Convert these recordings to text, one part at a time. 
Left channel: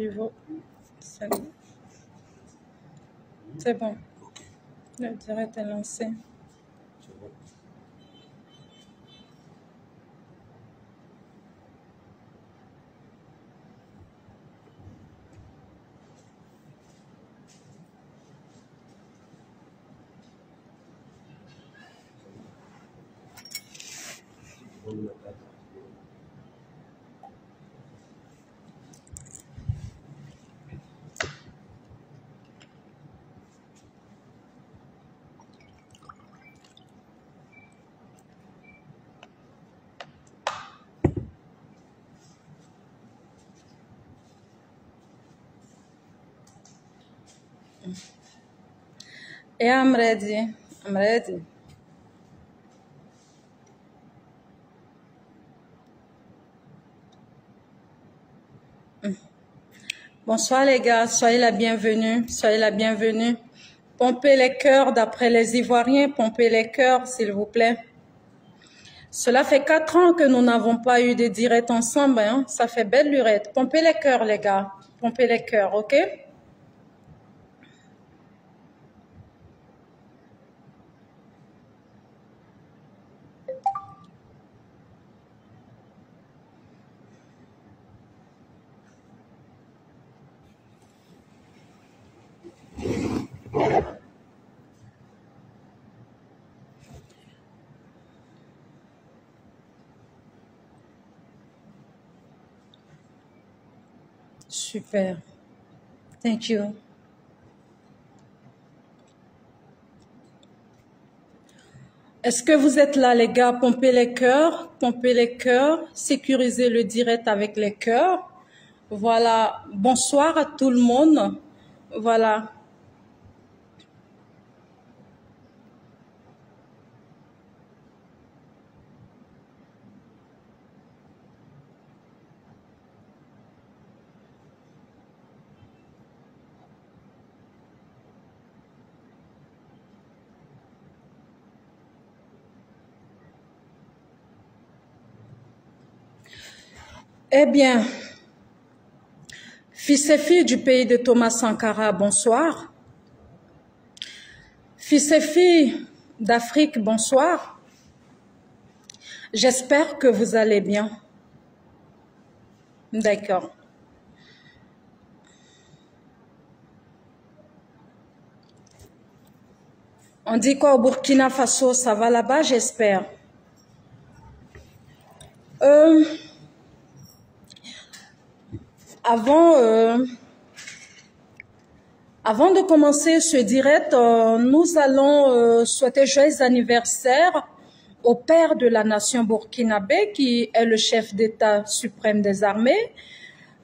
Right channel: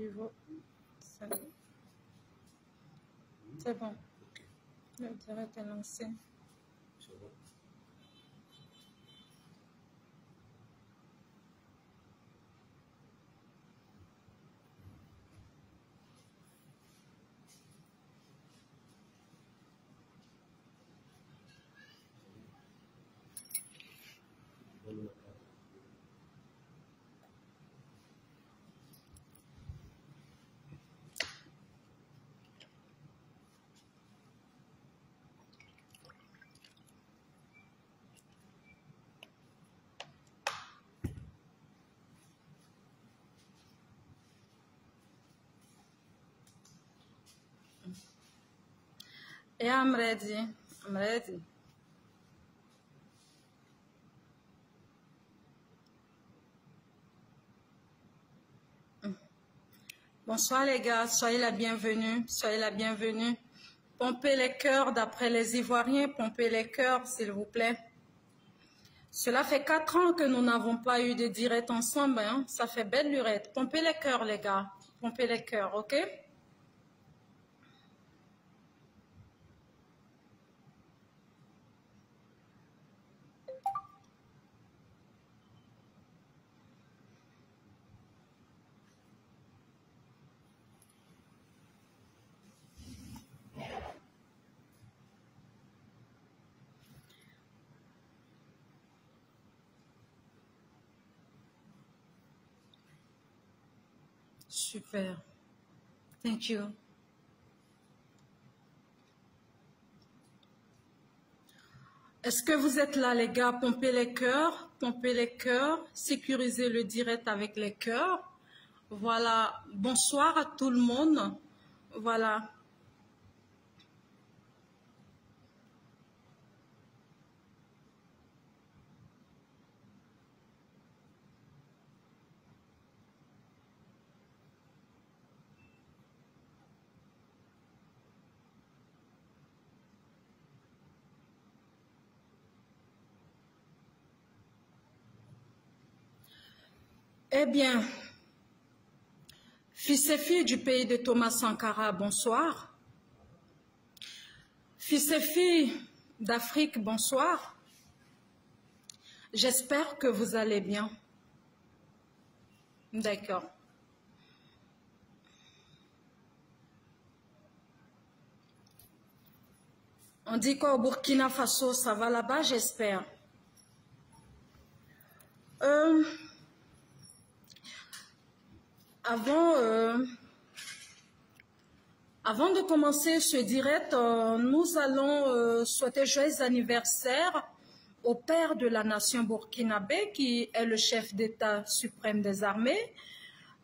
pivot. C'est bon. Le direct est lancé. Yeah, I'm ready. I'm ready. Bonsoir les gars, soyez la bienvenue, soyez la bienvenue. Pompez les cœurs d'après les Ivoiriens, pompez les cœurs s'il vous plaît. Cela fait 4 ans que nous n'avons pas eu de direct ensemble, hein? Ça fait belle lurette. Pompez les cœurs les gars, pompez les cœurs, ok? Super. Thank you. Est-ce que vous êtes là, les gars? Pompez les cœurs, sécurisez le direct avec les cœurs. Voilà. Bonsoir à tout le monde. Voilà. Eh bien, fils et filles du pays de Thomas Sankara, bonsoir. Fils et filles d'Afrique, bonsoir. J'espère que vous allez bien. D'accord. On dit quoi au Burkina Faso? Ça va là-bas, j'espère. Avant de commencer ce direct, nous allons souhaiter joyeux anniversaire au père de la nation burkinabé, qui est le chef d'État suprême des armées,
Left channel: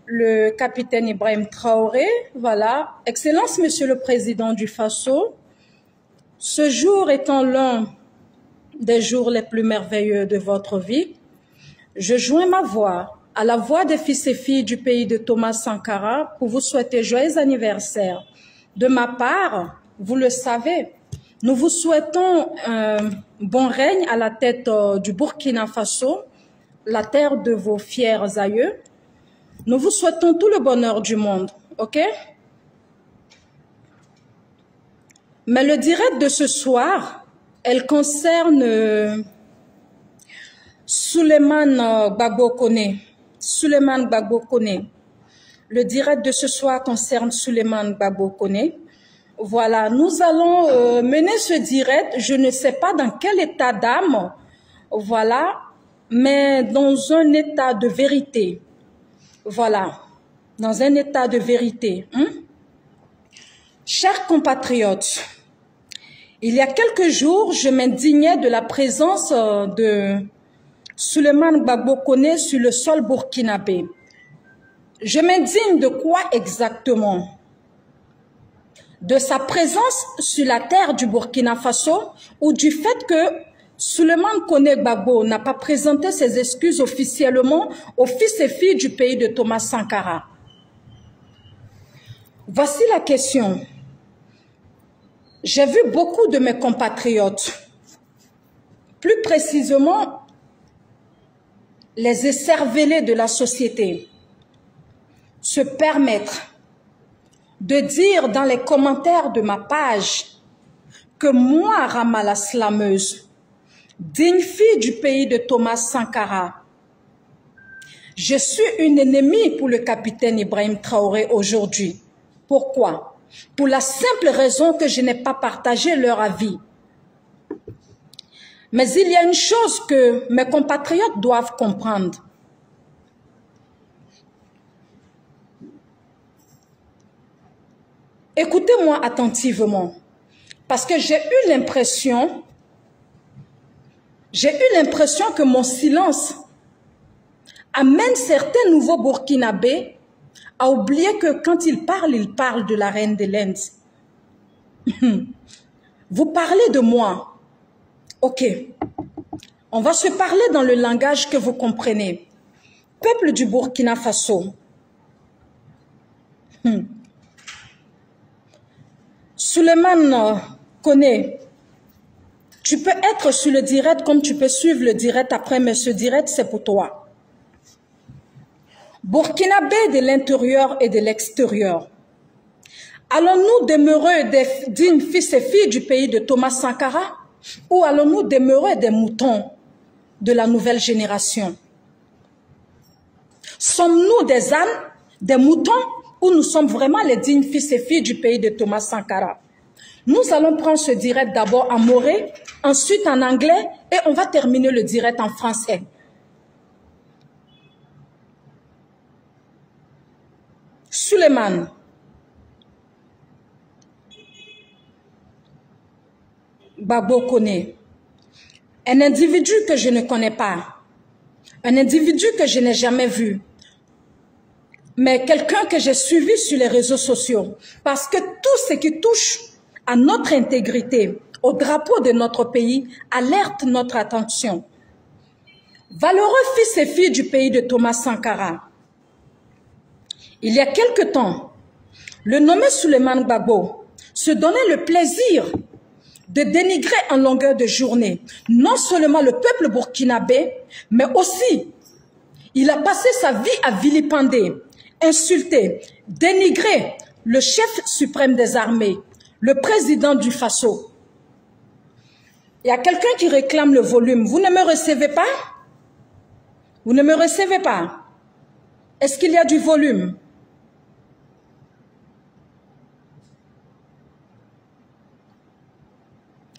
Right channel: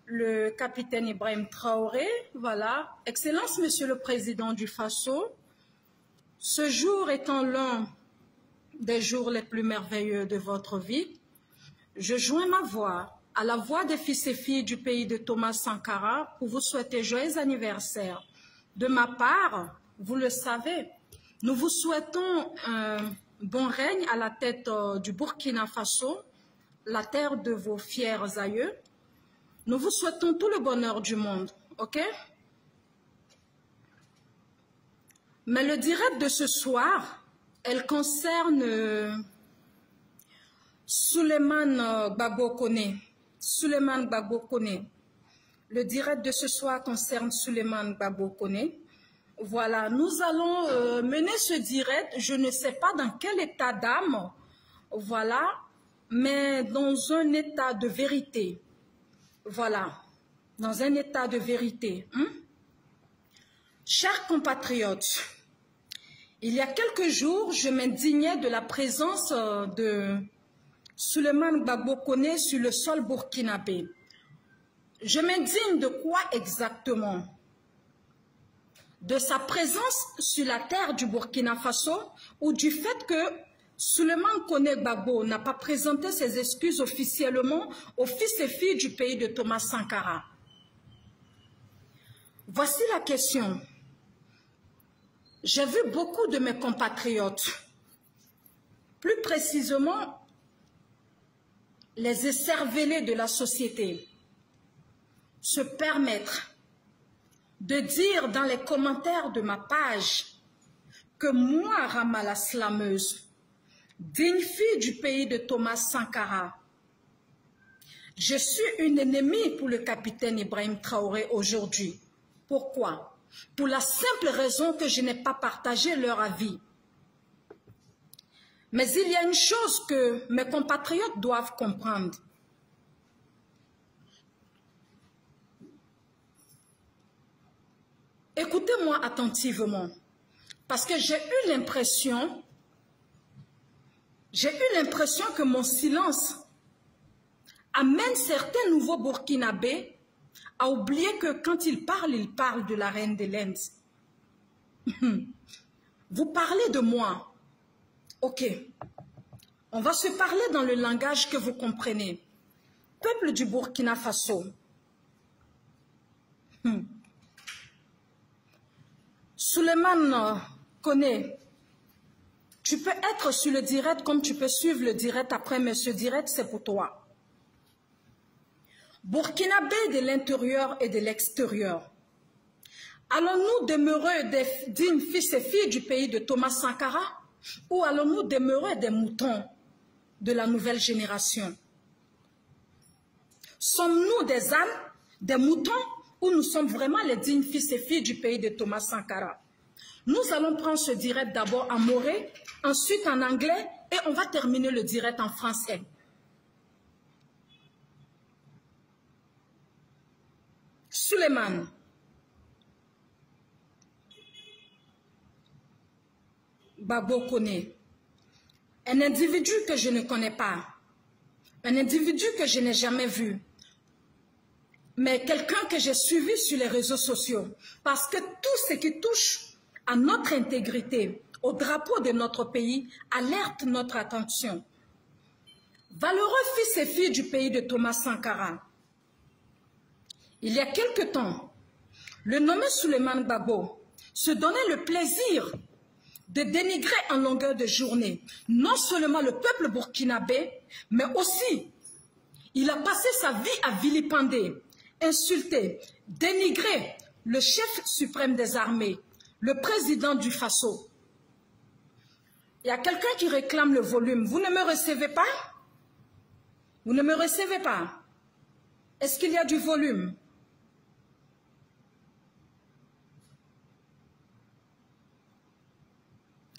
le capitaine Ibrahim Traoré. Voilà. Excellence, Monsieur le Président du Faso, ce jour étant l'un des jours les plus merveilleux de votre vie, je joins ma voix à la voix des fils et filles du pays de Thomas Sankara pour vous souhaiter joyeux anniversaire. De ma part, vous le savez, nous vous souhaitons un bon règne à la tête du Burkina Faso, la terre de vos fiers aïeux. Nous vous souhaitons tout le bonheur du monde, ok? Mais le direct de ce soir, elle concerne Souleymane Gbagbo Koné. Souleymane Gbagbo Koné. Le direct de ce soir concerne Souleymane Gbagbo Koné. Voilà, nous allons mener ce direct, je ne sais pas dans quel état d'âme, voilà, mais dans un état de vérité. Voilà, dans un état de vérité. Chers compatriotes, il y a quelques jours, je m'indignais de la présence de Souleymane Gbagbo Koné sur le sol burkinabé. Je m'indigne de quoi exactement? De sa présence sur la terre du Burkina Faso ou du fait que Souleymane Koné Gbagbo n'a pas présenté ses excuses officiellement aux fils et filles du pays de Thomas Sankara? Voici la question. J'ai vu beaucoup de mes compatriotes, plus précisément les écervelés de la société, se permettre de dire dans les commentaires de ma page que moi, Rama la slameuse, digne fille du pays de Thomas Sankara, je suis une ennemie pour le capitaine Ibrahim Traoré aujourd'hui. Pourquoi? Pour la simple raison que je n'ai pas partagé leur avis. Mais il y a une chose que mes compatriotes doivent comprendre. Écoutez-moi attentivement, parce que j'ai eu l'impression que mon silence amène certains nouveaux Burkinabés à oublier que quand ils parlent de la reine de l'Inde. Vous parlez de moi. Ok, on va se parler dans le langage que vous comprenez. Peuple du Burkina Faso. Souleymane Koné, tu peux être sur le direct comme tu peux suivre le direct après, mais ce direct c'est pour toi. Burkinabé de l'intérieur et de l'extérieur. Allons-nous demeurer des dignes fils et filles du pays de Thomas Sankara ou allons-nous demeurer des moutons de la nouvelle génération? Sommes-nous des ânes, des moutons ou nous sommes vraiment les dignes fils et filles du pays de Thomas Sankara? Nous allons prendre ce direct d'abord en moré, ensuite en anglais et on va terminer le direct en français. Souleymane. Gbagbo Koné, un individu que je ne connais pas, un individu que je n'ai jamais vu, mais quelqu'un que j'ai suivi sur les réseaux sociaux, parce que tout ce qui touche à notre intégrité, au drapeau de notre pays, alerte notre attention. Valeureux fils et filles du pays de Thomas Sankara, il y a quelque temps, le nommé Souleymane Gbagbo se donnait le plaisir de dénigrer en longueur de journée non seulement le peuple burkinabé, mais aussi il a passé sa vie à vilipender, insulter, dénigrer le chef suprême des armées, le président du Faso. Il y a quelqu'un qui réclame le volume. Vous ne me recevez pas? Vous ne me recevez pas? Est-ce qu'il y a du volume?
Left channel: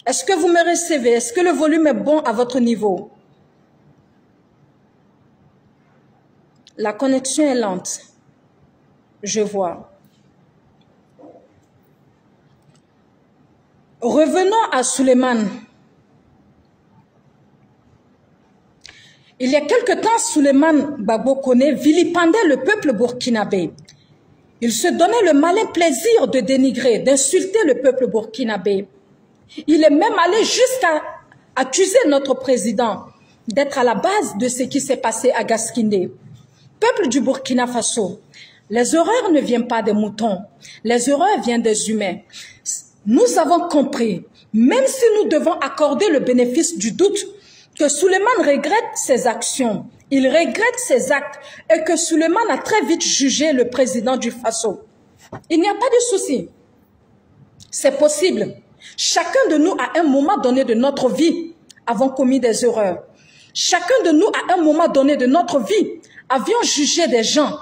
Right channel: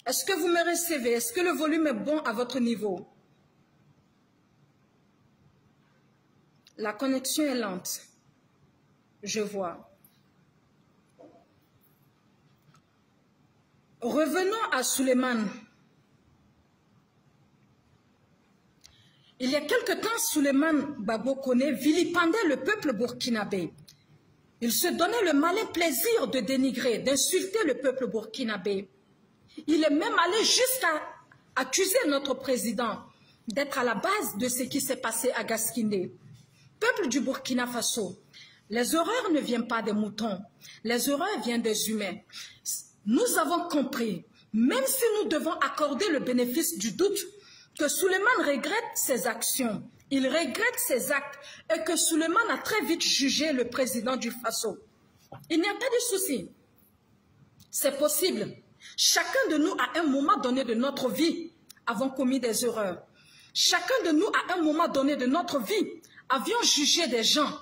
Est-ce que vous me recevez? Est-ce que le volume est bon à votre niveau? La connexion est lente. Je vois. Revenons à Souleymane. Il y a quelque temps, Souleymane Gbagbo Koné vilipendait le peuple burkinabé. Il se donnait le malin plaisir de dénigrer, d'insulter le peuple burkinabé. Il est même allé jusqu'à accuser notre président d'être à la base de ce qui s'est passé à Gaskindé. Peuple du Burkina Faso, les horreurs ne viennent pas des moutons, les horreurs viennent des humains. Nous avons compris, même si nous devons accorder le bénéfice du doute, que Souleymane regrette ses actions, il regrette ses actes et que Souleymane a très vite jugé le président du Faso. Il n'y a pas de souci. C'est possible. Chacun de nous, à un moment donné de notre vie, avons commis des erreurs. Chacun de nous, à un moment donné de notre vie, avions jugé des gens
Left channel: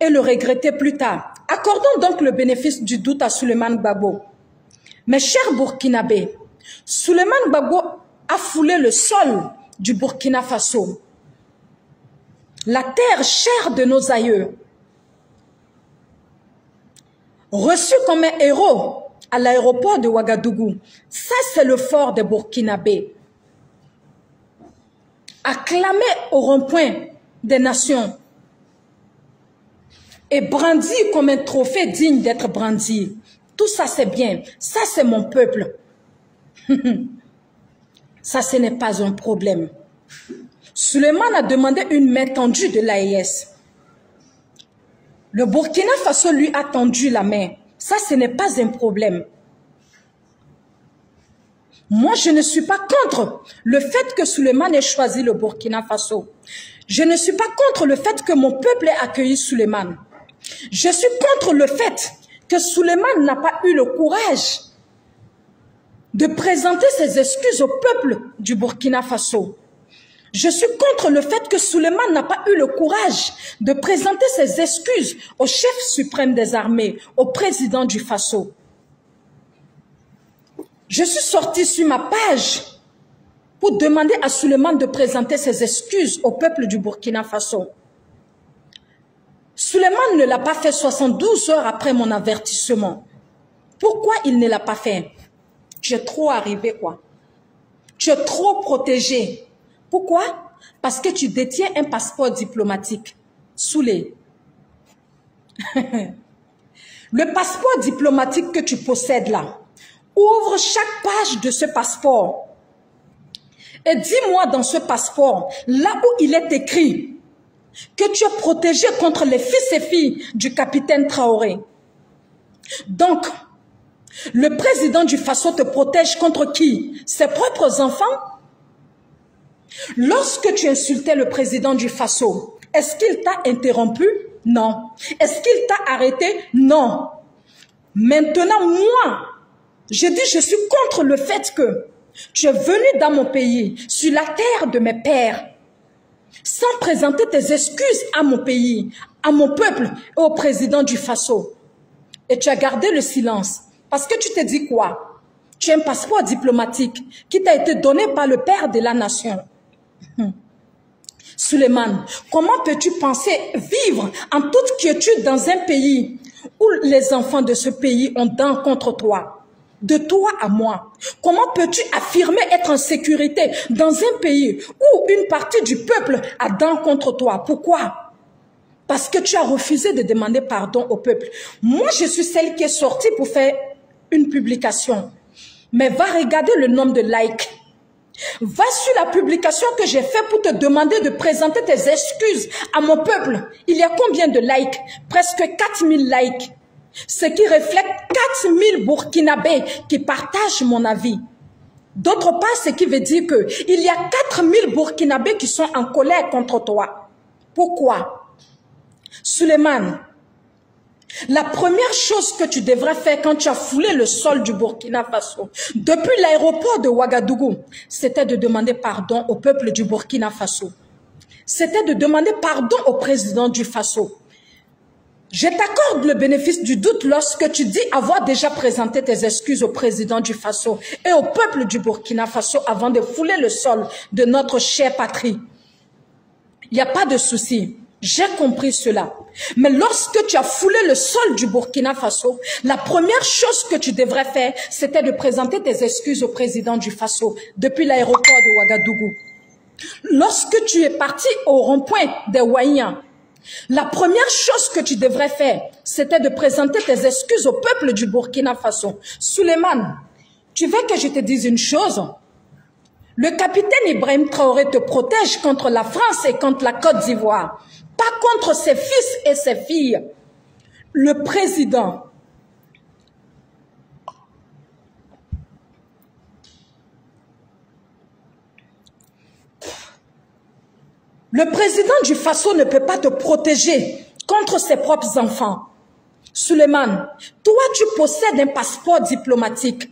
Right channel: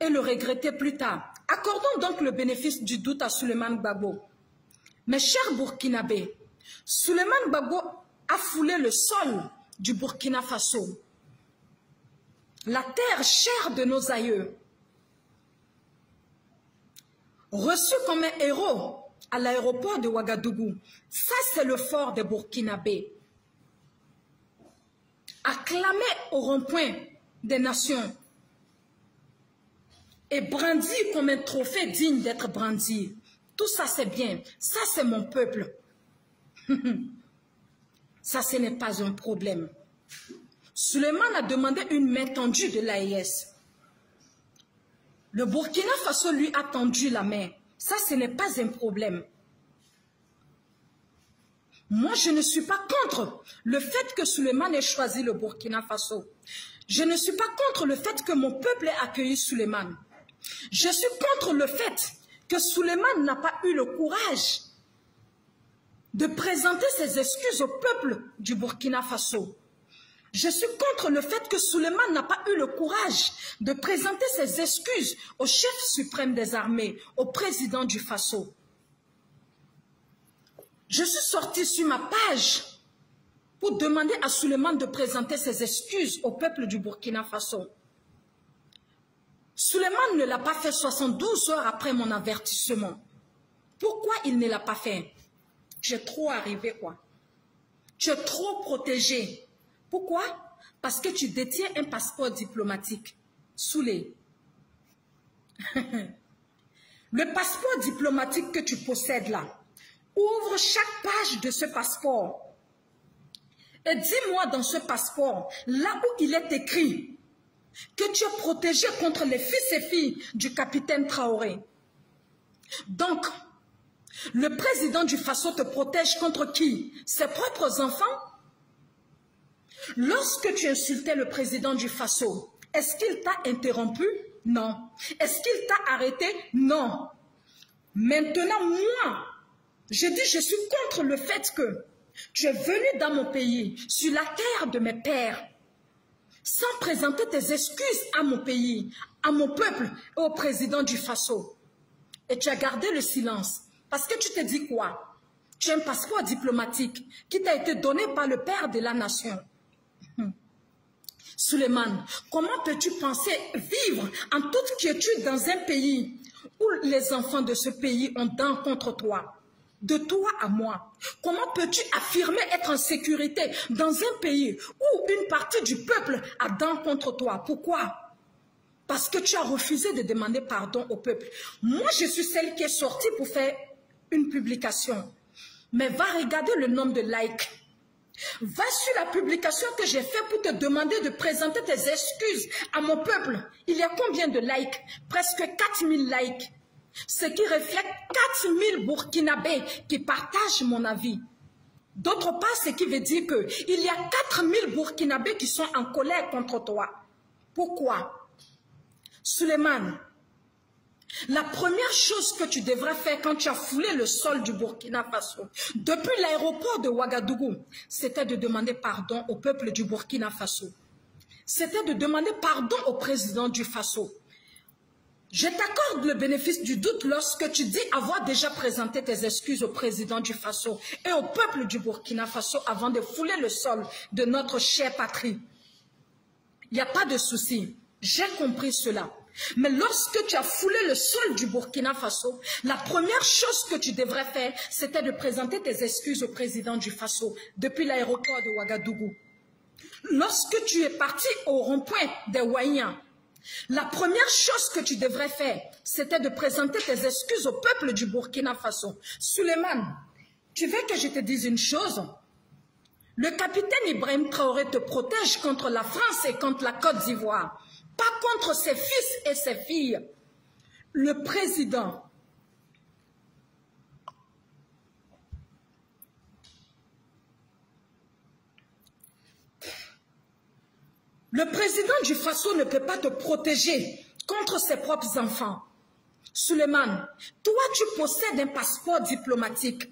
et le regretter plus tard. Accordons donc le bénéfice du doute à Souleymane Gbagbo. Mes chers Burkinabés, Souleymane Gbagbo a foulé le sol du Burkina Faso. La terre chère de nos aïeux. Reçu comme un héros à l'aéroport de Ouagadougou. Ça, c'est le fort des Burkinabés. Acclamé au rond-point des nations et brandi comme un trophée digne d'être brandi. Tout ça, c'est bien. Ça, c'est mon peuple. Ça, ce n'est pas un problème. Souleymane a demandé une main tendue de l'AES. Le Burkina Faso lui a tendu la main. Ça, ce n'est pas un problème. Moi, je ne suis pas contre le fait que Souleymane ait choisi le Burkina Faso. Je ne suis pas contre le fait que mon peuple ait accueilli Souleymane. Je suis contre le fait que Souleymane n'a pas eu le courage de présenter ses excuses au peuple du Burkina Faso. Je suis contre le fait que Souleymane n'a pas eu le courage de présenter ses excuses au chef suprême des armées, au président du Faso. Je suis sortie sur ma page pour demander à Souleymane de présenter ses excuses au peuple du Burkina Faso. Souleymane ne l'a pas fait 72 heures après mon avertissement. Pourquoi il ne l'a pas fait? Tu es trop arrivé, quoi. Tu es trop protégé. Pourquoi? Parce que tu détiens un passeport diplomatique. Soulé. Le passeport diplomatique que tu possèdes là, ouvre chaque page de ce passeport. Et dis-moi dans ce passeport, là où il est écrit que tu es protégé contre les fils et filles du capitaine Traoré. Donc, le président du Faso te protège contre qui? Ses propres enfants? Lorsque tu insultais le président du Faso, est-ce qu'il t'a interrompu? Non. Est-ce qu'il t'a arrêté? Non. Maintenant, moi, je dis je suis contre le fait que tu es venu dans mon pays, sur la terre de mes pères, sans présenter tes excuses à mon pays, à mon peuple et au président du Faso. Et tu as gardé le silence. Parce que tu te dis quoi? Tu as un passeport diplomatique qui t'a été donné par le père de la nation. Souleymane, comment peux-tu penser vivre en toute quiétude dans un pays où les enfants de ce pays ont dents contre toi? De toi à moi. Comment peux-tu affirmer être en sécurité dans un pays où une partie du peuple a dents contre toi? Pourquoi? Parce que tu as refusé de demander pardon au peuple. Moi, je suis celle qui est sortie pour faire une publication. Mais va regarder le nombre de likes. Va sur la publication que j'ai faite pour te demander de présenter tes excuses à mon peuple. Il y a combien de likes? Presque 4000 likes. Ce qui reflète 4000 Burkinabés qui partagent mon avis. D'autre part, ce qui veut dire qu'il y a 4000 Burkinabés qui sont en colère contre toi. Pourquoi? Souleymane, la première chose que tu devrais faire quand tu as foulé le sol du Burkina Faso, depuis l'aéroport de Ouagadougou, c'était de demander pardon au peuple du Burkina Faso. C'était de demander pardon au président du Faso. Je t'accorde le bénéfice du doute lorsque tu dis avoir déjà présenté tes excuses au président du Faso et au peuple du Burkina Faso avant de fouler le sol de notre chère patrie. Il n'y a pas de souci. J'ai compris cela. Mais lorsque tu as foulé le sol du Burkina Faso, la première chose que tu devrais faire, c'était de présenter tes excuses au président du Faso depuis l'aéroport de Ouagadougou. Lorsque tu es parti au rond-point des Ouaïens, la première chose que tu devrais faire, c'était de présenter tes excuses au peuple du Burkina Faso. Souleymane, tu veux que je te dise une chose? Le capitaine Ibrahim Traoré te protège contre la France et contre la Côte d'Ivoire, pas contre ses fils et ses filles. Le président du Faso ne peut pas te protéger contre ses propres enfants. Souleymane, toi tu possèdes un passeport diplomatique.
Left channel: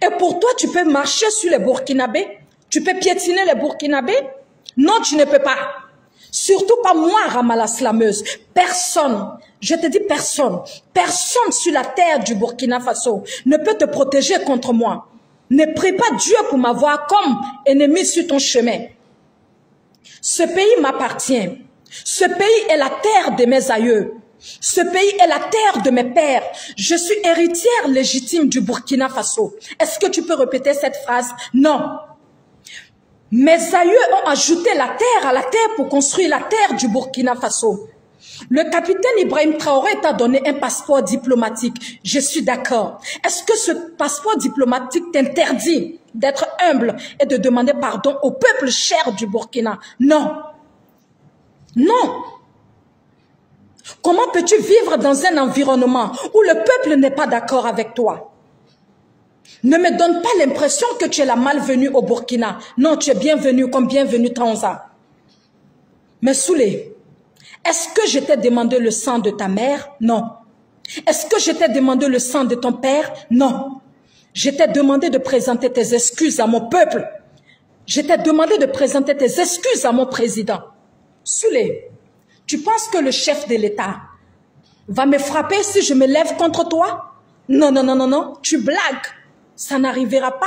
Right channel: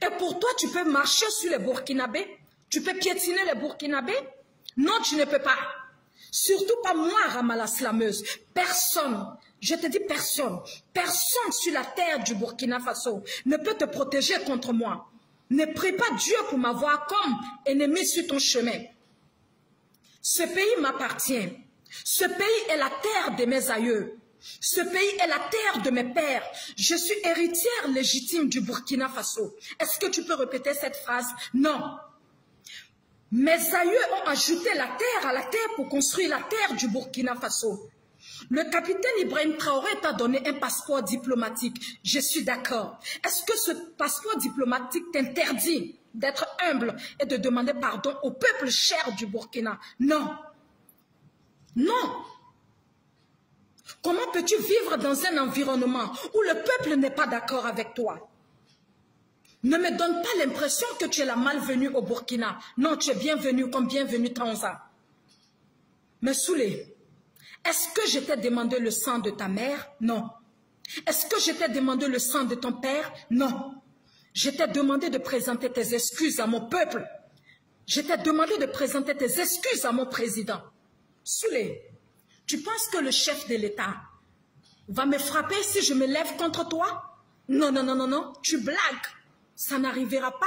Et pour toi, tu peux marcher sur les Burkinabés? Tu peux piétiner les Burkinabés? Non, tu ne peux pas. Surtout pas moi, Ramala Slameuse. Personne, je te dis personne, personne sur la terre du Burkina Faso ne peut te protéger contre moi. Ne prie pas Dieu pour m'avoir comme ennemi sur ton chemin. Ce pays m'appartient. Ce pays est la terre de mes aïeux. Ce pays est la terre de mes pères. Je suis héritière légitime du Burkina Faso. Est-ce que tu peux répéter cette phrase? Non. Mes aïeux ont ajouté la terre à la terre pour construire la terre du Burkina Faso. Le capitaine Ibrahim Traoré t'a donné un passeport diplomatique. Je suis d'accord. Est-ce que ce passeport diplomatique t'interdit d'être humble et de demander pardon au peuple cher du Burkina? Non. Non. Comment peux-tu vivre dans un environnement où le peuple n'est pas d'accord avec toi? Ne me donne pas l'impression que tu es la malvenue au Burkina. Non, tu es bienvenue comme bienvenue Tanza. Mais Soulé, est-ce que je t'ai demandé le sang de ta mère? Non. Est-ce que je t'ai demandé le sang de ton père? Non. Je t'ai demandé de présenter tes excuses à mon peuple. Je t'ai demandé de présenter tes excuses à mon président. Soulé, tu penses que le chef de l'État va me frapper si je me lève contre toi? Non, non, non, non, non, tu blagues. Ça n'arrivera pas.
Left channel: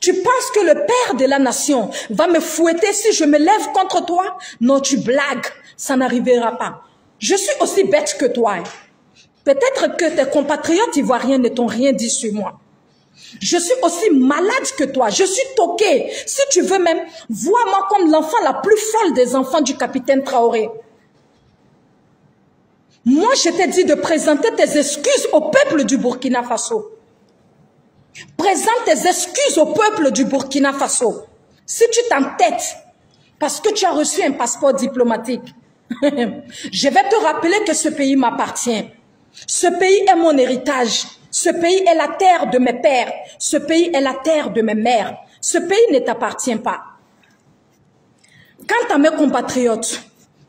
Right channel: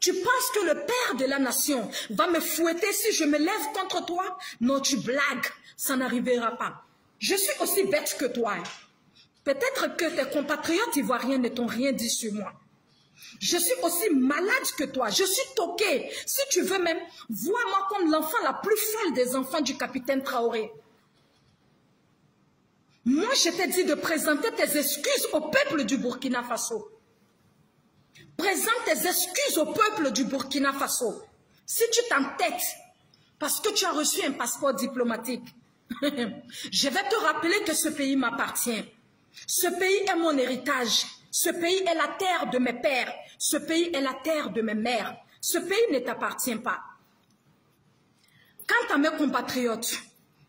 Tu penses que le père de la nation va me fouetter si je me lève contre toi? Non, tu blagues. Ça n'arrivera pas. Je suis aussi bête que toi. Peut-être que tes compatriotes ivoiriens ne t'ont rien dit sur moi. Je suis aussi malade que toi. Je suis toquée. Si tu veux même, vois-moi comme l'enfant la plus folle des enfants du capitaine Traoré. Moi, je t'ai dit de présenter tes excuses au peuple du Burkina Faso. Présente tes excuses au peuple du Burkina Faso. Si tu t'entêtes, parce que tu as reçu un passeport diplomatique, je vais te rappeler que ce pays m'appartient. Ce pays est mon héritage. Ce pays est la terre de mes pères. Ce pays est la terre de mes mères. Ce pays ne t'appartient pas. Quant à mes compatriotes,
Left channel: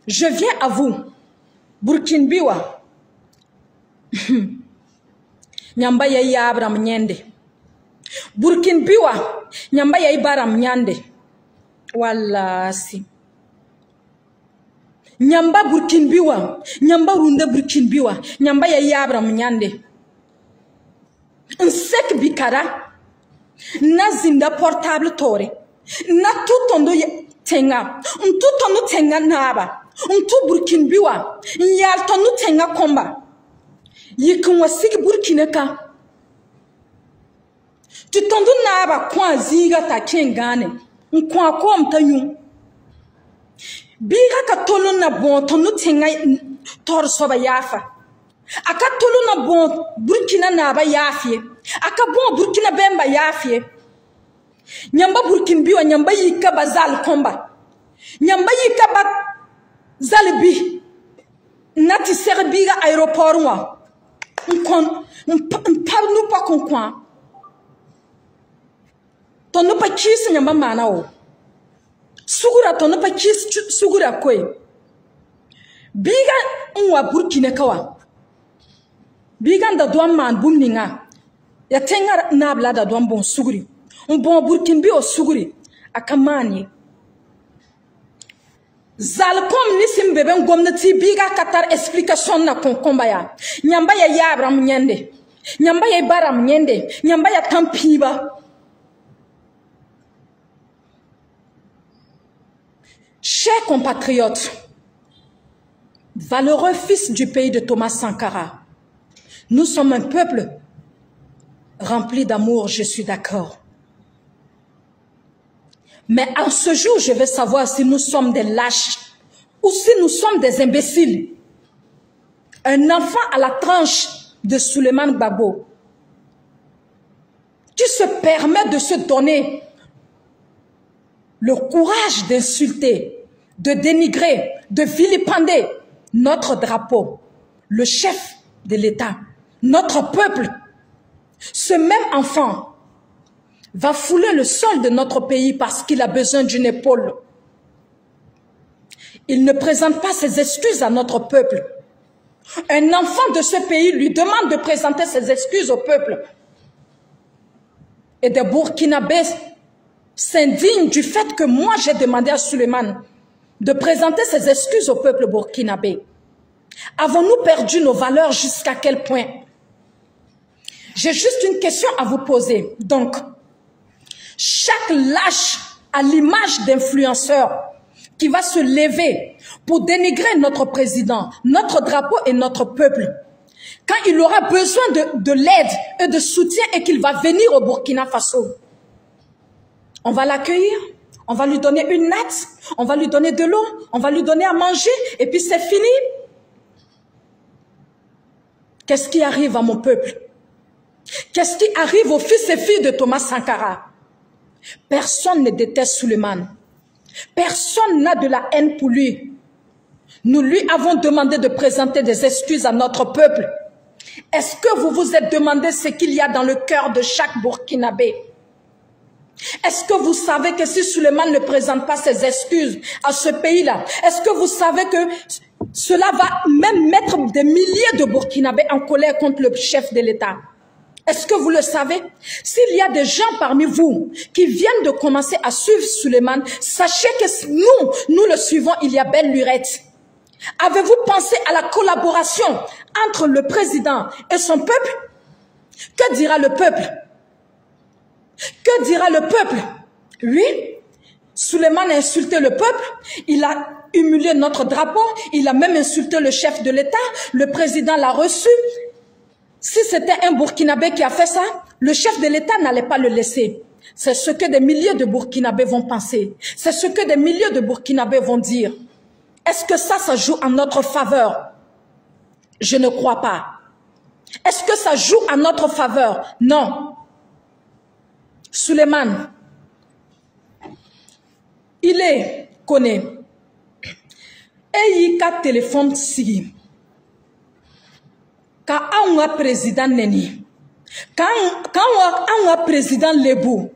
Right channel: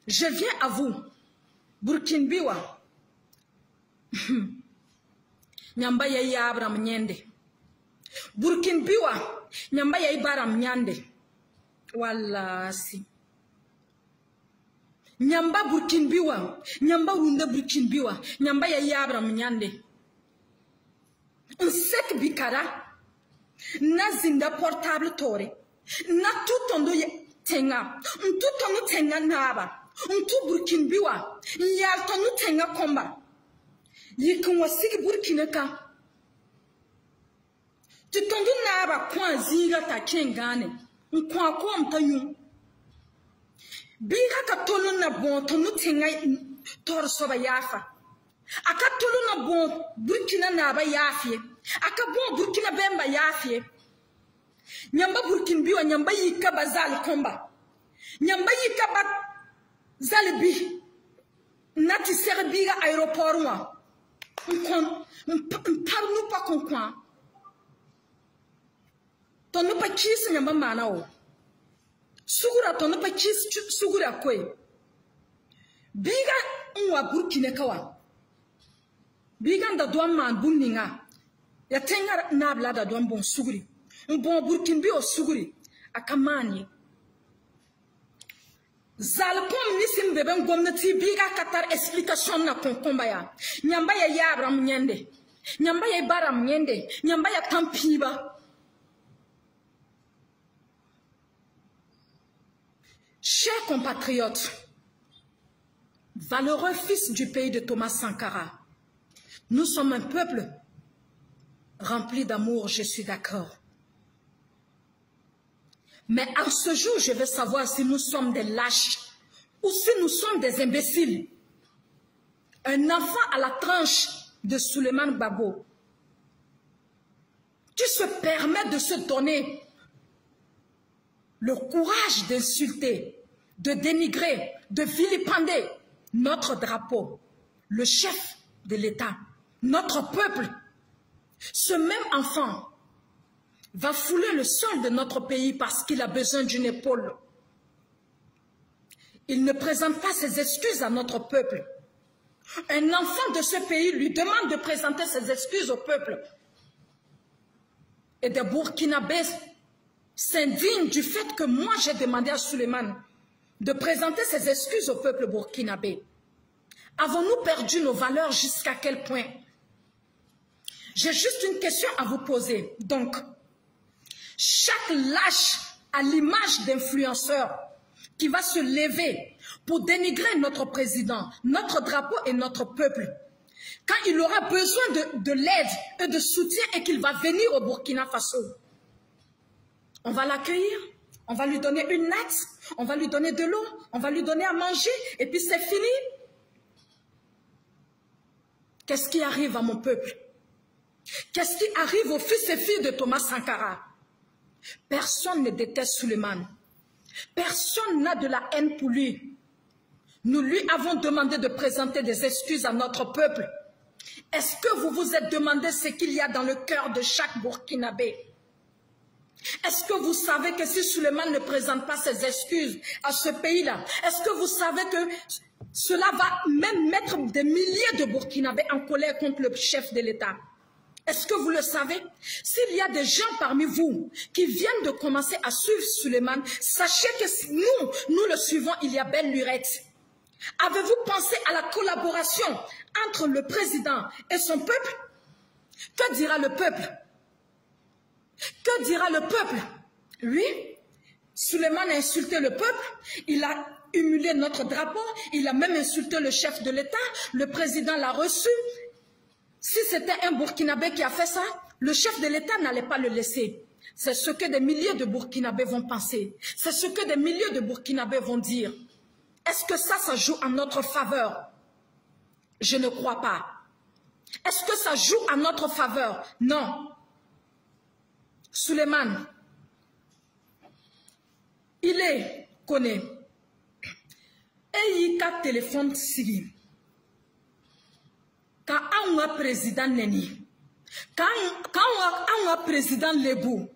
je viens à vous. Burkinbiwa. Nyamba ya Abraham Nyende. Burkinbiwa. Nyamba ya Ibaram Nyande. Wallasi. Nyamba Burkinbiwa. Nyamba Runde Burkinbiwa. Nyamba ya Abraham Nyande. Nsek bikara. Na zinda portable tore. Na tutondo tenga. Tutondo tenga naba. Untu Burkinbiwa, nyaltonu tenga komba. Yikunwa sigi Burkineka. Tutondu naba kwa ziga ta kengane. Nkwa kwa mtanyu. Biga katolu na bon tonu tenga tor soba yafa. Aka tolu na bon Burkina naba yafie. Aka bon Burkina bemba yafie. Nyamba Burkinbiwa nyamba yika bazal komba. Nyamba yika ba Zalibi, nati serbiga aéroport wa, nous pas qu'on quoi. Ton ne pas qui se nyamba manao. Sugura ton ne pas qui sugura kwe. Biga unwa Burkina kawa. Biga nda douan man bumninga. Ya tenga nabla da douan bon suguri. Un bon Burkinbi o suguri. Akamani. Zalkom nisim beben gomnati biga katar explication na konkombaya. Nyamba ya Abraham Nyende. Nyamba ya Ibaram Nyende. Nyamba ya Tampiba. Chers compatriotes, valeureux fils du pays de Thomas Sankara, nous sommes un peuple rempli d'amour, je suis d'accord. Mais en ce jour, je veux savoir si nous sommes des lâches ou si nous sommes des imbéciles. Un enfant à la tranche de Souleymane Gbagbo qui se permet de se donner le courage d'insulter, de dénigrer, de vilipender notre drapeau, le chef de l'État, notre peuple. Ce même enfant va fouler le sol de notre pays parce qu'il a besoin d'une épaule. Il ne présente pas ses excuses à notre peuple. Un enfant de ce pays lui demande de présenter ses excuses au peuple. Et des Burkinabés s'indignent du fait que moi j'ai demandé à Souleymane de présenter ses excuses au peuple burkinabé. Avons-nous perdu nos valeurs jusqu'à quel point? J'ai juste une question à vous poser. Donc, chaque lâche à l'image d'influenceur qui va se lever pour dénigrer notre président, notre drapeau et notre peuple, quand il aura besoin de l'aide et de soutien et qu'il va venir au Burkina Faso, on va l'accueillir, on va lui donner une natte, on va lui donner de l'eau, on va lui donner à manger et puis c'est fini. Qu'est-ce qui arrive à mon peuple? Qu'est-ce qui arrive aux fils et filles de Thomas Sankara? Personne ne déteste Souleymane. Personne n'a de la haine pour lui. Nous lui avons demandé de présenter des excuses à notre peuple. Est-ce que vous vous êtes demandé ce qu'il y a dans le cœur de chaque Burkinabé? Est-ce que vous savez que si Souleymane ne présente pas ses excuses à ce pays-là, est-ce que vous savez que cela va même mettre des milliers de Burkinabés en colère contre le chef de l'État? Est-ce que vous le savez? S'il y a des gens parmi vous qui viennent de commencer à suivre Souleymane, sachez que nous le suivons, il y a belle lurette. Avez-vous pensé à la collaboration entre le président et son peuple? Que dira le peuple? Que dira le peuple? Lui, Souleymane a insulté le peuple, il a humilié notre drapeau, il a même insulté le chef de l'État, le président l'a reçu. Si c'était un Burkinabé qui a fait ça, le chef de l'État n'allait pas le laisser. C'est ce que des milliers de Burkinabés vont penser. C'est ce que des milliers de Burkinabés vont dire. Est-ce que ça joue en notre faveur? Je ne crois pas. Est-ce que ça joue en notre faveur? Non. Souleymane, il est connu. Et il a téléphone si. Quand on a président Neni, quand on a président Lebou,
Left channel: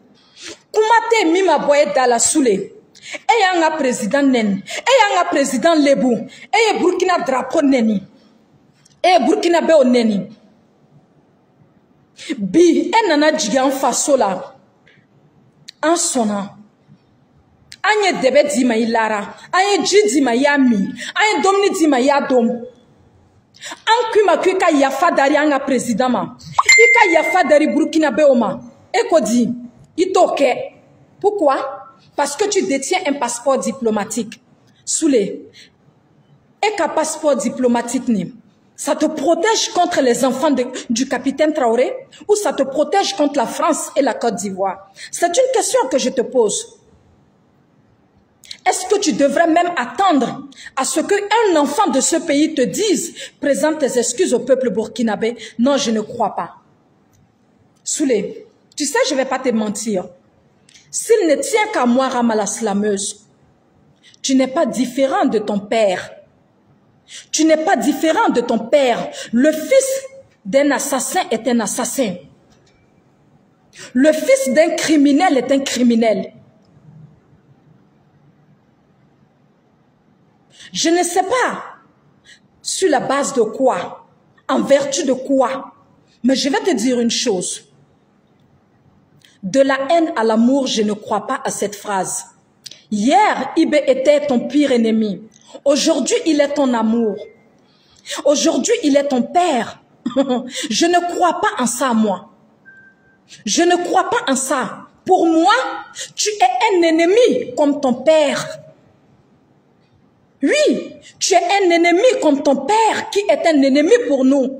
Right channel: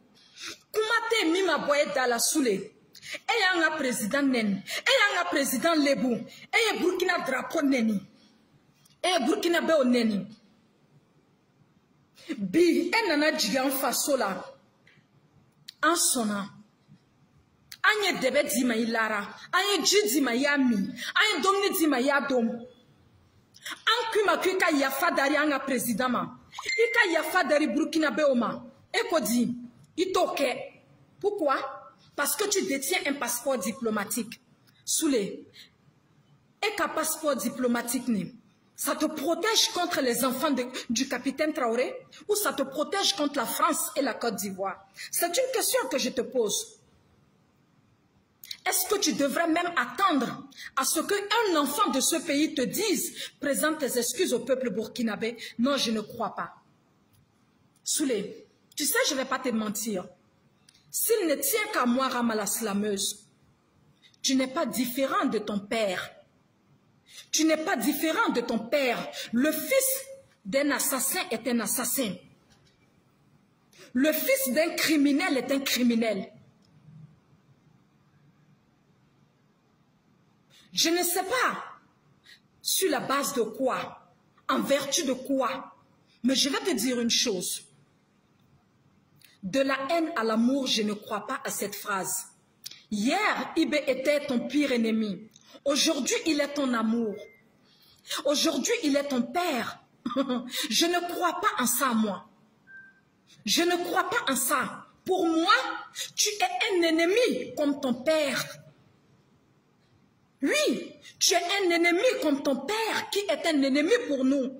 comment te mima boye dans la soule? Et on a président Neni, et on a président Lebou, et Burkina drapeau Neni, et Burkina Be Neni. Bi, et nana djigan faso la, en sonnant. Anye debe di ma ilara, anye ji di ma yami, anye domni di ma yadom. An kuma ka yafa dari an président ma. Ika yafa dari Burkinabé oma. Eko di, itoke. Pourquoi? Parce que tu détiens un passeport diplomatique. Soulé. Eka passeport diplomatique ni. Ça te protège contre les enfants du capitaine Traoré ou ça te protège contre la France et la Côte d'Ivoire? C'est une question que je te pose. Est-ce que tu devrais même attendre à ce qu'un enfant de ce pays te dise « Présente tes excuses au peuple burkinabé » Non, je ne crois pas. Soulé, tu sais, je ne vais pas te mentir. S'il ne tient qu'à moi, Rama la slameuse, tu n'es pas différent de ton père. Tu n'es pas différent de ton père. Le fils d'un assassin est un assassin. Le fils d'un criminel est un criminel. Je ne sais pas sur la base de quoi, en vertu de quoi, mais je vais te dire une chose. De la haine à l'amour, je ne crois pas à cette phrase. Hier, Ibé était ton pire ennemi. Aujourd'hui, il est ton amour. Aujourd'hui, il est ton père. Je ne crois pas en ça, moi. Je ne crois pas en ça. Pour moi, tu es un ennemi comme ton père. Oui, tu es un ennemi comme ton père qui est un ennemi pour nous.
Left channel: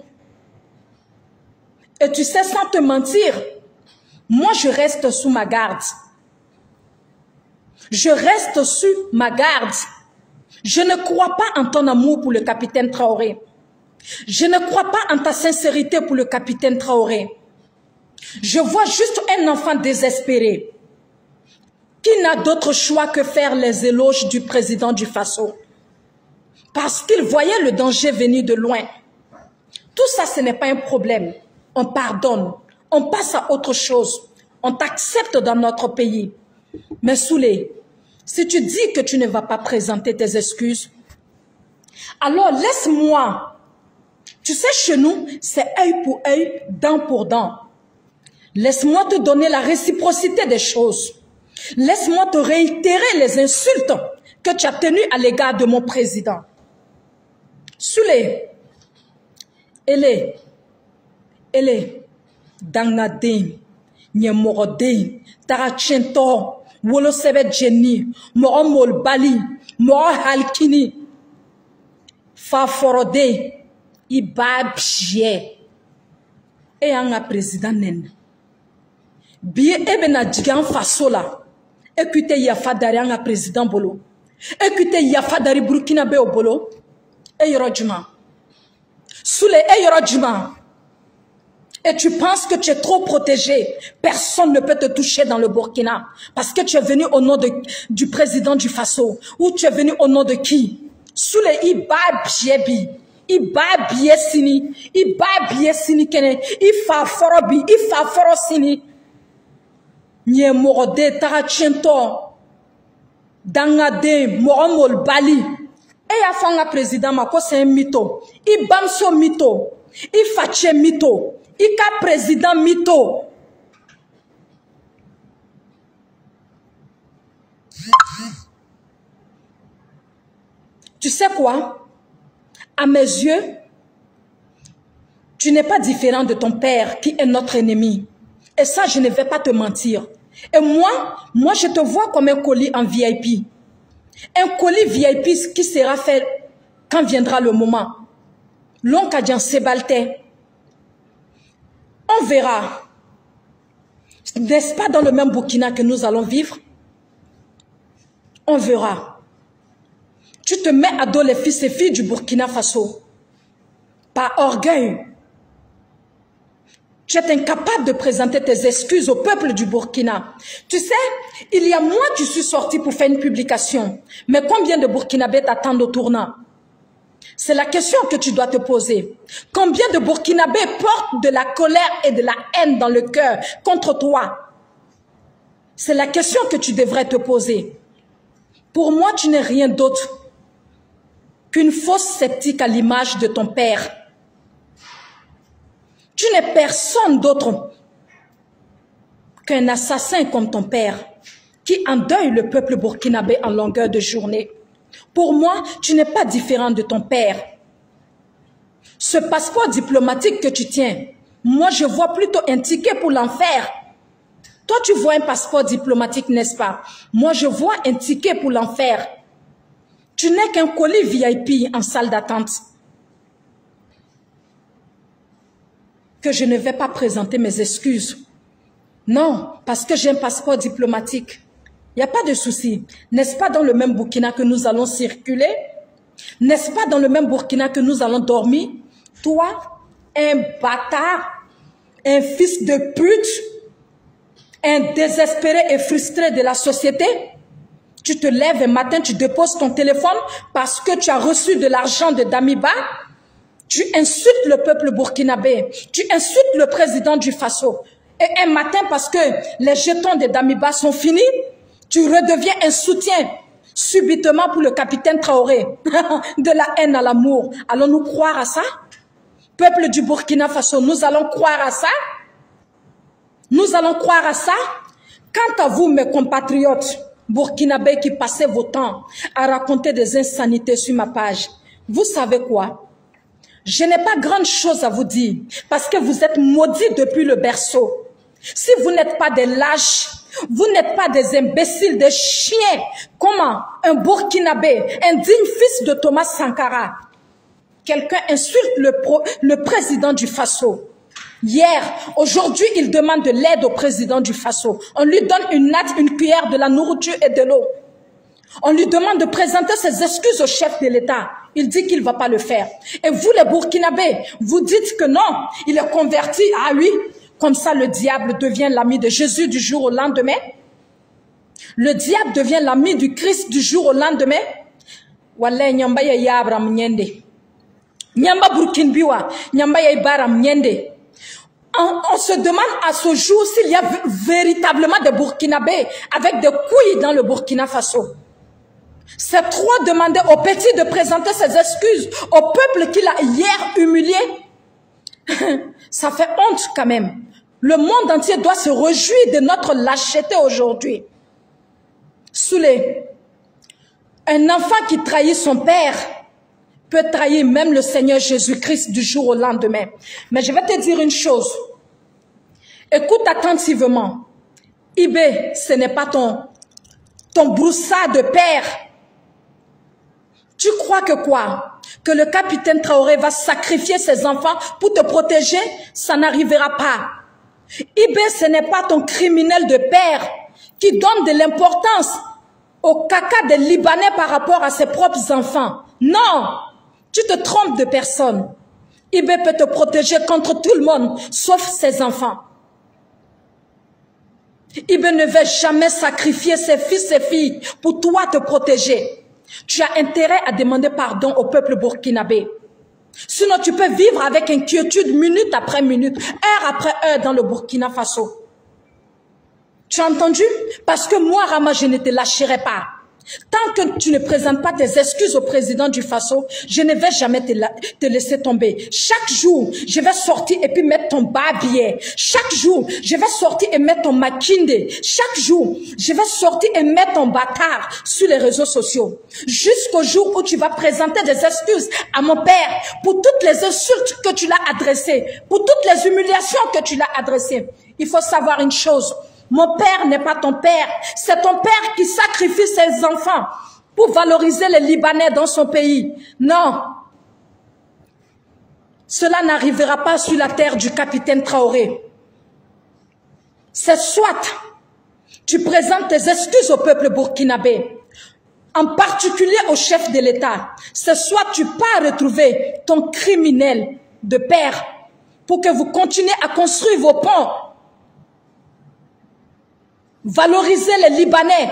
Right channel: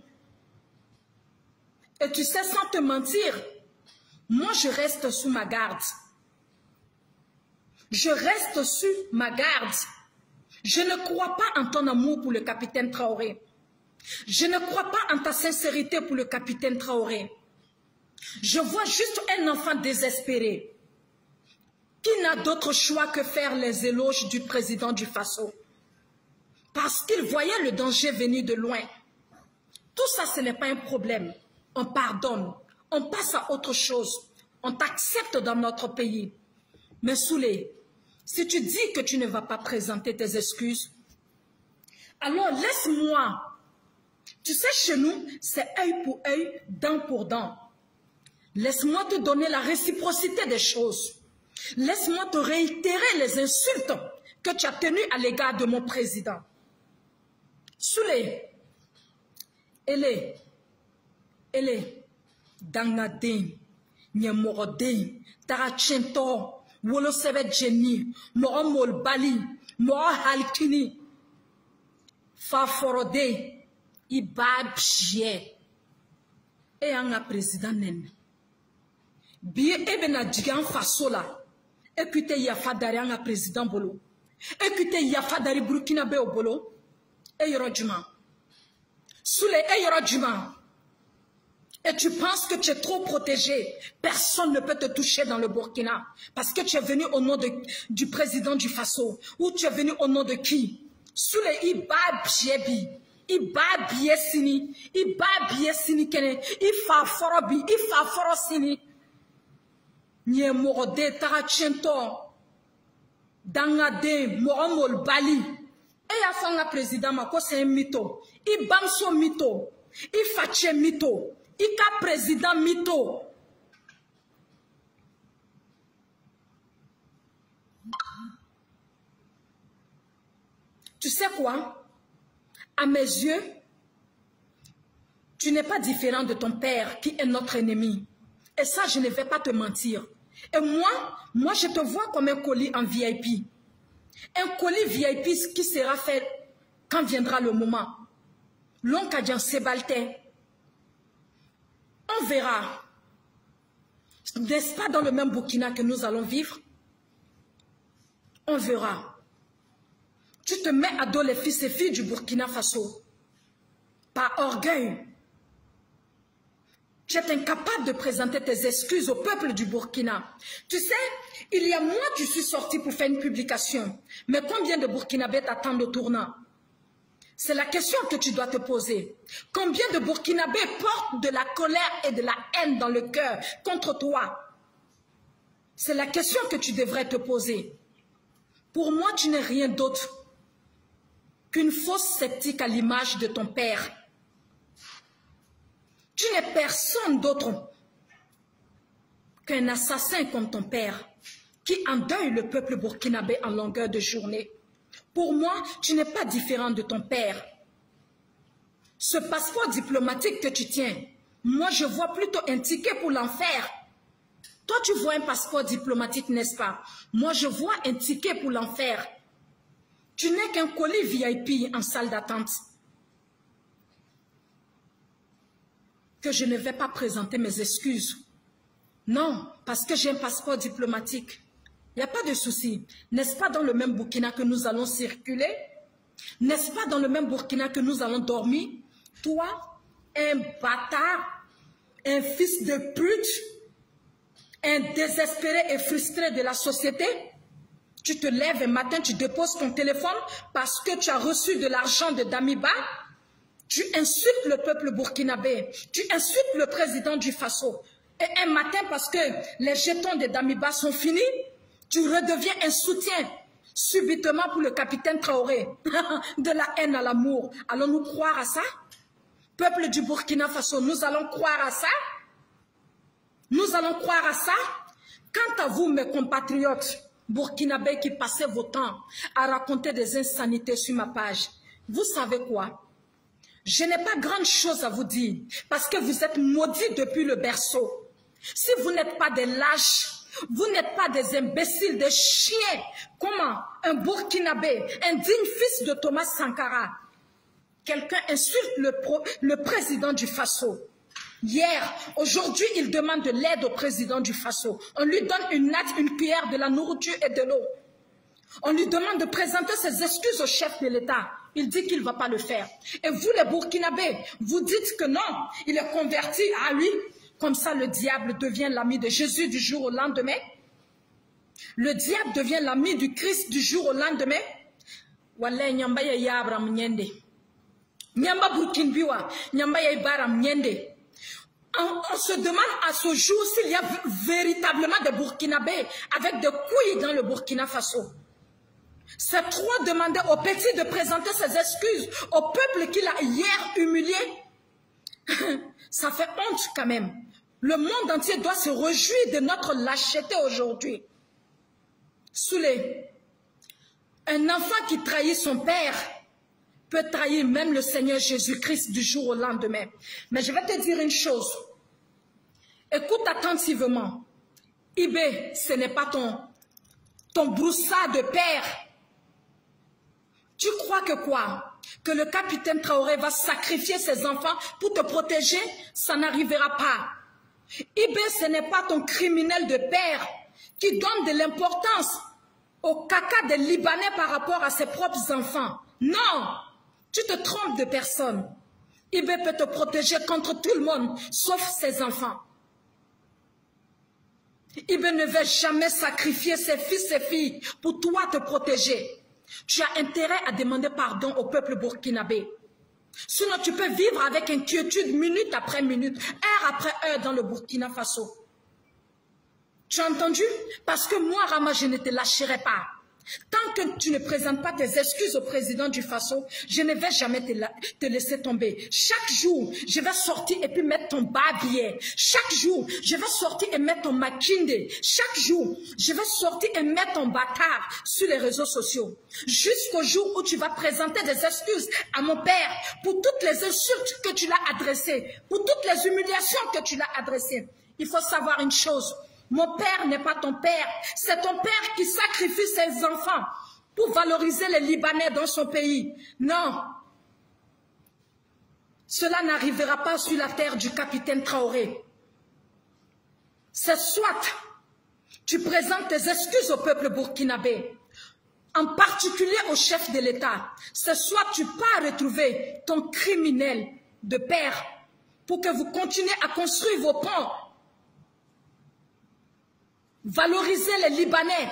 Et tu sais, sans te mentir, moi je reste sous ma garde. Je reste sous ma garde. Je ne crois pas en ton amour pour le capitaine Traoré. Je ne crois pas en ta sincérité pour le capitaine Traoré. Je vois juste un enfant désespéré qui n'a d'autre choix que faire les éloges du président du Faso. Parce qu'il voyait le danger venir de loin. Tout ça, ce n'est pas un problème. On pardonne. On passe à autre chose. On t'accepte dans notre pays. Mais Soulé, si tu dis que tu ne vas pas présenter tes excuses, alors laisse-moi. Tu sais, chez nous, c'est œil pour œil, dent pour dent. Laisse-moi te donner la réciprocité des choses. Laisse-moi te réitérer les insultes que tu as tenues à l'égard de mon président. Soulé, elle est dangadin, nyemorodin, tarachento, wolo sebe jenny, moro mol bali, moro halkini, faforode, ibabje, et un président nen. Bien ebena djigan fasola, écoutez yafa dari un président bolo, écoutez yafa dari Burkinabé au bolo. Soulé, et tu penses que tu es trop protégé. Personne ne peut te toucher dans le Burkina. Parce que tu es venu au nom du président du Faso. Ou tu es venu au nom de qui? Soulé, iba biebi. Iba biesini. Iba biesini kene. Ifa forobi. Ifa forosini. Nye morode tarachento. Dangade moromol bali. Et ya fanga président mako c'est un mytho. I bamso mytho. I fache mytho. I ka président mytho. Tu sais quoi? À mes yeux, tu n'es pas différent de ton père qui est notre ennemi. Et ça, je ne vais pas te mentir. Et moi, je te vois comme un colis en VIP. Un colis VIP qui sera fait quand viendra le moment. L'Onkadjan Sebalte. On verra. N'est-ce pas dans le même Burkina que nous allons vivre? On verra. Tu te mets à dos les fils et filles du Burkina Faso. Par orgueil. Tu es incapable de présenter tes excuses au peuple du Burkina. Tu sais, il y a mois que je suis sorti pour faire une publication. Mais combien de Burkinabés t'attendent au tournant? C'est la question que tu dois te poser. Combien de Burkinabés portent de la colère et de la haine dans le cœur contre toi? C'est la question que tu devrais te poser. Pour moi, tu n'es rien d'autre qu'une fausse sceptique à l'image de ton père. Tu n'es personne d'autre qu'un assassin comme ton père qui endeuille le peuple burkinabé en longueur de journée. Pour moi, tu n'es pas différent de ton père. Ce passeport diplomatique que tu tiens, moi je vois plutôt un ticket pour l'enfer. Toi tu vois un passeport diplomatique, n'est-ce pas? Moi je vois un ticket pour l'enfer. Tu n'es qu'un colis VIP en salle d'attente. Que je ne vais pas présenter mes excuses. Non, parce que j'ai un passeport diplomatique. Il n'y a pas de souci. N'est-ce pas dans le même Burkina que nous allons circuler? N'est-ce pas dans le même Burkina que nous allons dormir? Toi, un bâtard, un fils de pute, un désespéré et frustré de la société, tu te lèves un matin, tu déposes ton téléphone parce que tu as reçu de l'argent de Damiba. Tu insultes le peuple burkinabé. Tu insultes le président du Faso. Et un matin, parce que les jetons de Damiba sont finis, tu redeviens un soutien subitement pour le capitaine Traoré. De la haine à l'amour. Allons-nous croire à ça? Peuple du Burkina Faso, nous allons croire à ça? Nous allons croire à ça? Quant à vous, mes compatriotes burkinabés qui passez vos temps à raconter des insanités sur ma page, vous savez quoi? Je n'ai pas grande chose à vous dire parce que vous êtes maudits depuis le berceau. Si vous n'êtes pas des lâches, vous n'êtes pas des imbéciles, des chiens. Comment un Burkinabé, un digne fils de Thomas Sankara, quelqu'un insulte le président du Faso. Hier, aujourd'hui, il demande de l'aide au président du Faso. On lui donne une natte, une cuillère, de la nourriture et de l'eau. On lui demande de présenter ses excuses au chef de l'État. Il dit qu'il ne va pas le faire. Et vous, les Burkinabés, vous dites que non, il est converti. Ah oui, comme ça le diable devient l'ami de Jésus du jour au lendemain. Le diable devient l'ami du Christ du jour au lendemain. Wallah, nyamba ya yabram nyende. Nyamba Burkinbiwa, nyamba ya ibaram nyende. On se demande à ce jour s'il y a véritablement des Burkinabés avec des couilles dans le Burkina Faso. C'est trop demander au petit de présenter ses excuses au peuple qu'il a hier humilié. Ça fait honte quand même. Le monde entier doit se réjouir de notre lâcheté aujourd'hui. Soulé, un enfant qui trahit son père peut trahir même le Seigneur Jésus-Christ du jour au lendemain. Mais je vais te dire une chose. Écoute attentivement. Ibé, ce n'est pas ton broussard de père. Tu crois que quoi? Que le capitaine Traoré va sacrifier ses enfants pour te protéger? Ça n'arrivera pas. Ibé, ce n'est pas ton criminel de père qui donne de l'importance au caca des Libanais par rapport à ses propres enfants. Non! Tu te trompes de personne. Ibé peut te protéger contre tout le monde, sauf ses enfants. Ibé ne va jamais sacrifier ses fils et filles pour toi te protéger. Tu as intérêt à demander pardon au peuple burkinabé. Sinon, tu peux vivre avec inquiétude minute après minute, heure après heure dans le Burkina Faso. Tu as entendu? Parce que moi, Rama, je ne te lâcherai pas. Tant que tu ne présentes pas tes excuses au président du Faso, je ne vais jamais te laisser tomber. Chaque jour, je vais sortir et puis mettre ton babier. Chaque jour, je vais sortir et mettre ton makinde. Chaque jour, je vais sortir et mettre ton bâtard sur les réseaux sociaux. Jusqu'au jour où tu vas présenter des excuses à mon père pour toutes les insultes que tu l'as adressées, pour toutes les humiliations que tu l'as adressées. Il faut savoir une chose. Mon père n'est pas ton père. C'est ton père qui sacrifie ses enfants pour valoriser les Libanais dans son pays. Non. Cela n'arrivera pas sur la terre du capitaine Traoré. C'est soit tu présentes tes excuses au peuple burkinabé, en particulier au chef de l'État. C'est soit tu pars retrouver ton criminel de père pour que vous continuez à construire vos ponts, valoriser les Libanais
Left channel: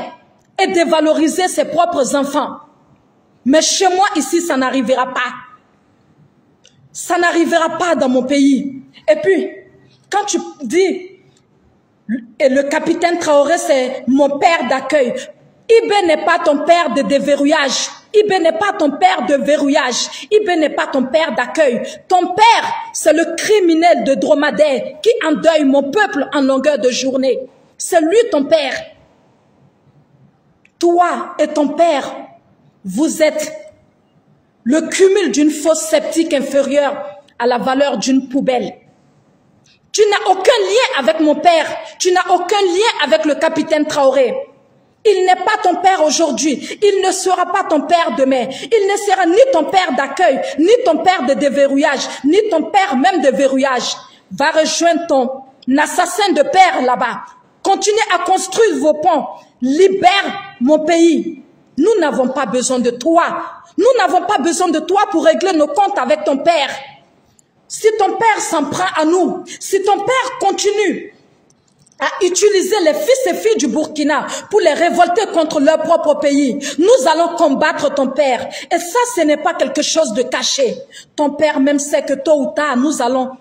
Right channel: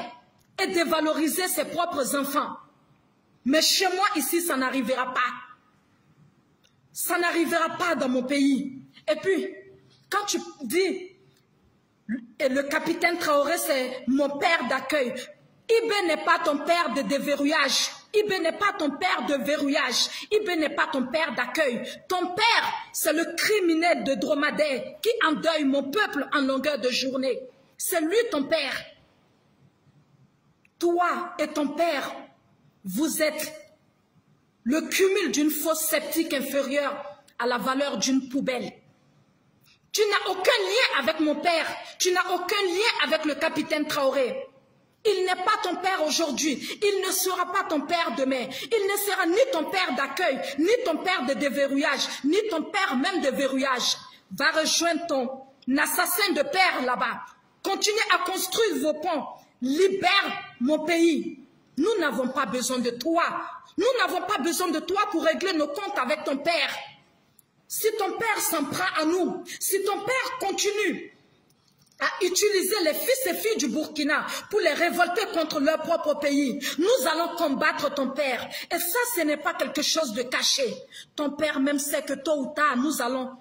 et dévaloriser ses propres enfants. Mais chez moi, ici, ça n'arrivera pas. Ça n'arrivera pas dans mon pays. Et puis, quand tu dis, et le capitaine Traoré, c'est mon père d'accueil. Ibé n'est pas ton père de déverrouillage. Ibé n'est pas ton père de verrouillage. Ibé n'est pas ton père d'accueil. Ton père, c'est le criminel de dromadaire qui endeuille mon peuple en longueur de journée. C'est lui ton père. Toi et ton père, vous êtes le cumul d'une fosse septique inférieure à la valeur d'une poubelle. Tu n'as aucun lien avec mon père. Tu n'as aucun lien avec le capitaine Traoré. Il n'est pas ton père aujourd'hui. Il ne sera pas ton père demain. Il ne sera ni ton père d'accueil, ni ton père de déverrouillage, ni ton père même de verrouillage. Va rejoindre ton assassin de père là-bas. Continuez à construire vos ponts. Libère mon pays. Nous n'avons pas besoin de toi. Nous n'avons pas besoin de toi pour régler nos comptes avec ton père. Si ton père s'en prend à nous, si ton père continue à utiliser les fils et filles du Burkina pour les révolter contre leur propre pays, nous allons combattre ton père. Et ça, ce n'est pas quelque chose de caché. Ton père même sait que tôt ou tard, nous allons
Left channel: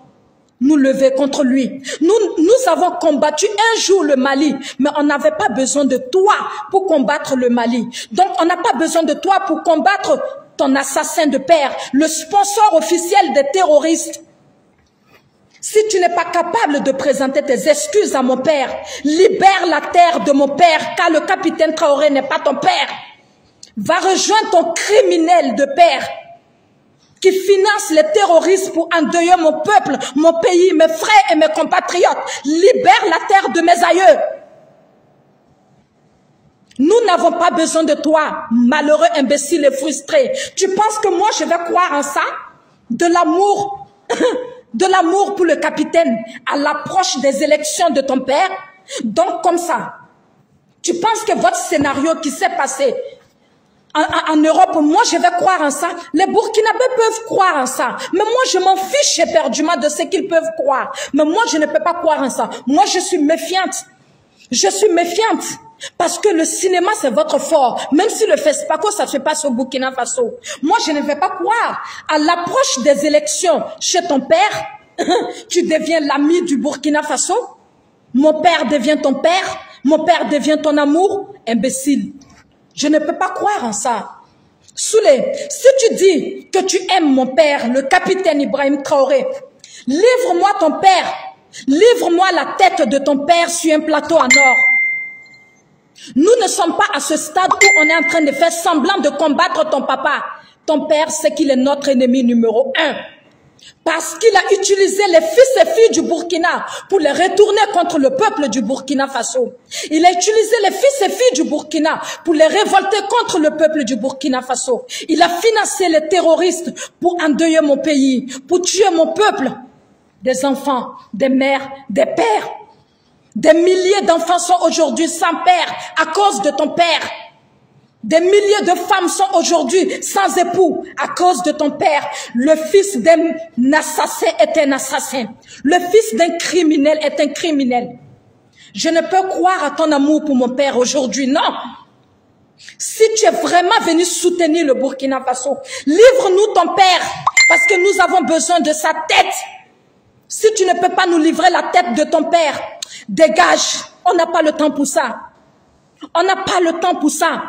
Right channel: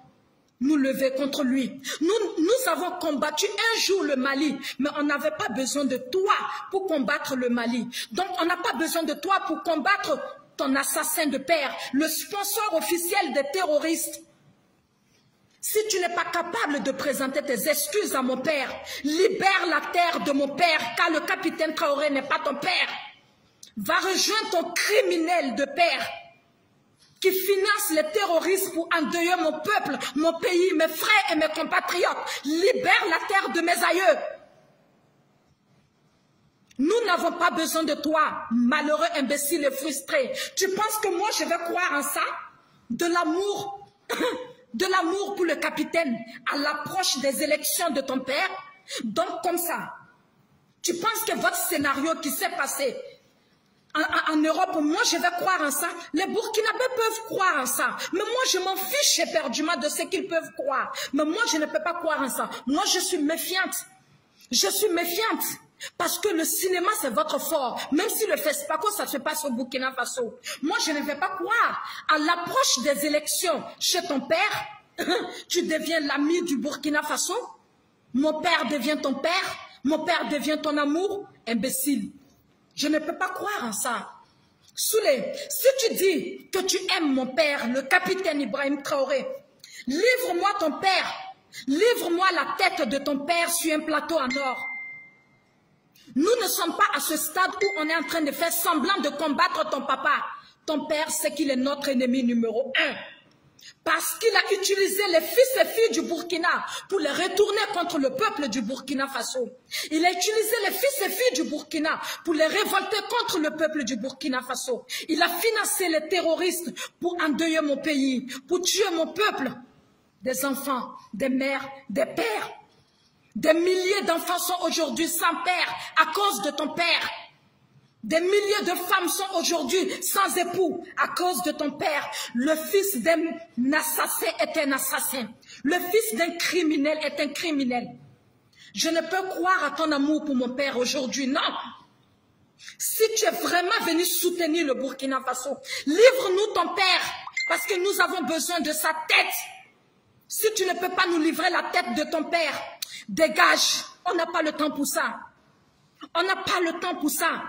nous lever contre lui. Nous avons combattu un jour le Mali, mais on n'avait pas besoin de toi pour combattre le Mali. Donc, on n'a pas besoin de toi pour combattre ton assassin de père, le sponsor officiel des terroristes. Si tu n'es pas capable de présenter tes excuses à mon père, libère la terre de mon père, car le capitaine Traoré n'est pas ton père. Va rejoindre ton criminel de père qui finance les terroristes pour endeuiller mon peuple, mon pays, mes frères et mes compatriotes. Libère la terre de mes aïeux. Nous n'avons pas besoin de toi, malheureux imbécile et frustré. Tu penses que moi je vais croire en ça? De l'amour de l'amour pour le capitaine à l'approche des élections de ton père? Donc comme ça, tu penses que votre scénario qui s'est passé en Europe, moi je vais croire en ça? Les Burkinabés peuvent croire en ça, mais moi je m'en fiche éperdument de ce qu'ils peuvent croire. Mais moi je ne peux pas croire en ça. Moi je suis méfiante. Je suis méfiante. Parce que le cinéma, c'est votre fort. Même si le FESPACO, ça se passe au Burkina Faso. Moi, je ne vais pas croire. À l'approche des élections chez ton père, tu deviens l'ami du Burkina Faso. Mon père devient ton père. Mon père devient ton amour. Imbécile. Je ne peux pas croire en ça. Soulé, si tu dis que tu aimes mon père, le capitaine Ibrahim Traoré, livre-moi ton père. Livre-moi la tête de ton père sur un plateau en or. Nous ne sommes pas à ce stade où on est en train de faire semblant de combattre ton papa. Ton père sait qu'il est notre ennemi numéro 1. Parce qu'il a utilisé les fils et filles du Burkina pour les retourner contre le peuple du Burkina Faso. Il a utilisé les fils et filles du Burkina pour les révolter contre le peuple du Burkina Faso. Il a financé les terroristes pour endeuiller mon pays, pour tuer mon peuple. Des enfants, des mères, des pères. Des milliers d'enfants sont aujourd'hui sans père à cause de ton père. Des milliers de femmes sont aujourd'hui sans époux à cause de ton père. Le fils d'un assassin est un assassin. Le fils d'un criminel est un criminel. Je ne peux croire à ton amour pour mon père aujourd'hui, non. Si tu es vraiment venu soutenir le Burkina Faso, livre-nous ton père parce que nous avons besoin de sa tête. Si tu ne peux pas nous livrer la tête de ton père, dégage, On n'a pas le temps pour ça. On n'a pas le temps pour ça.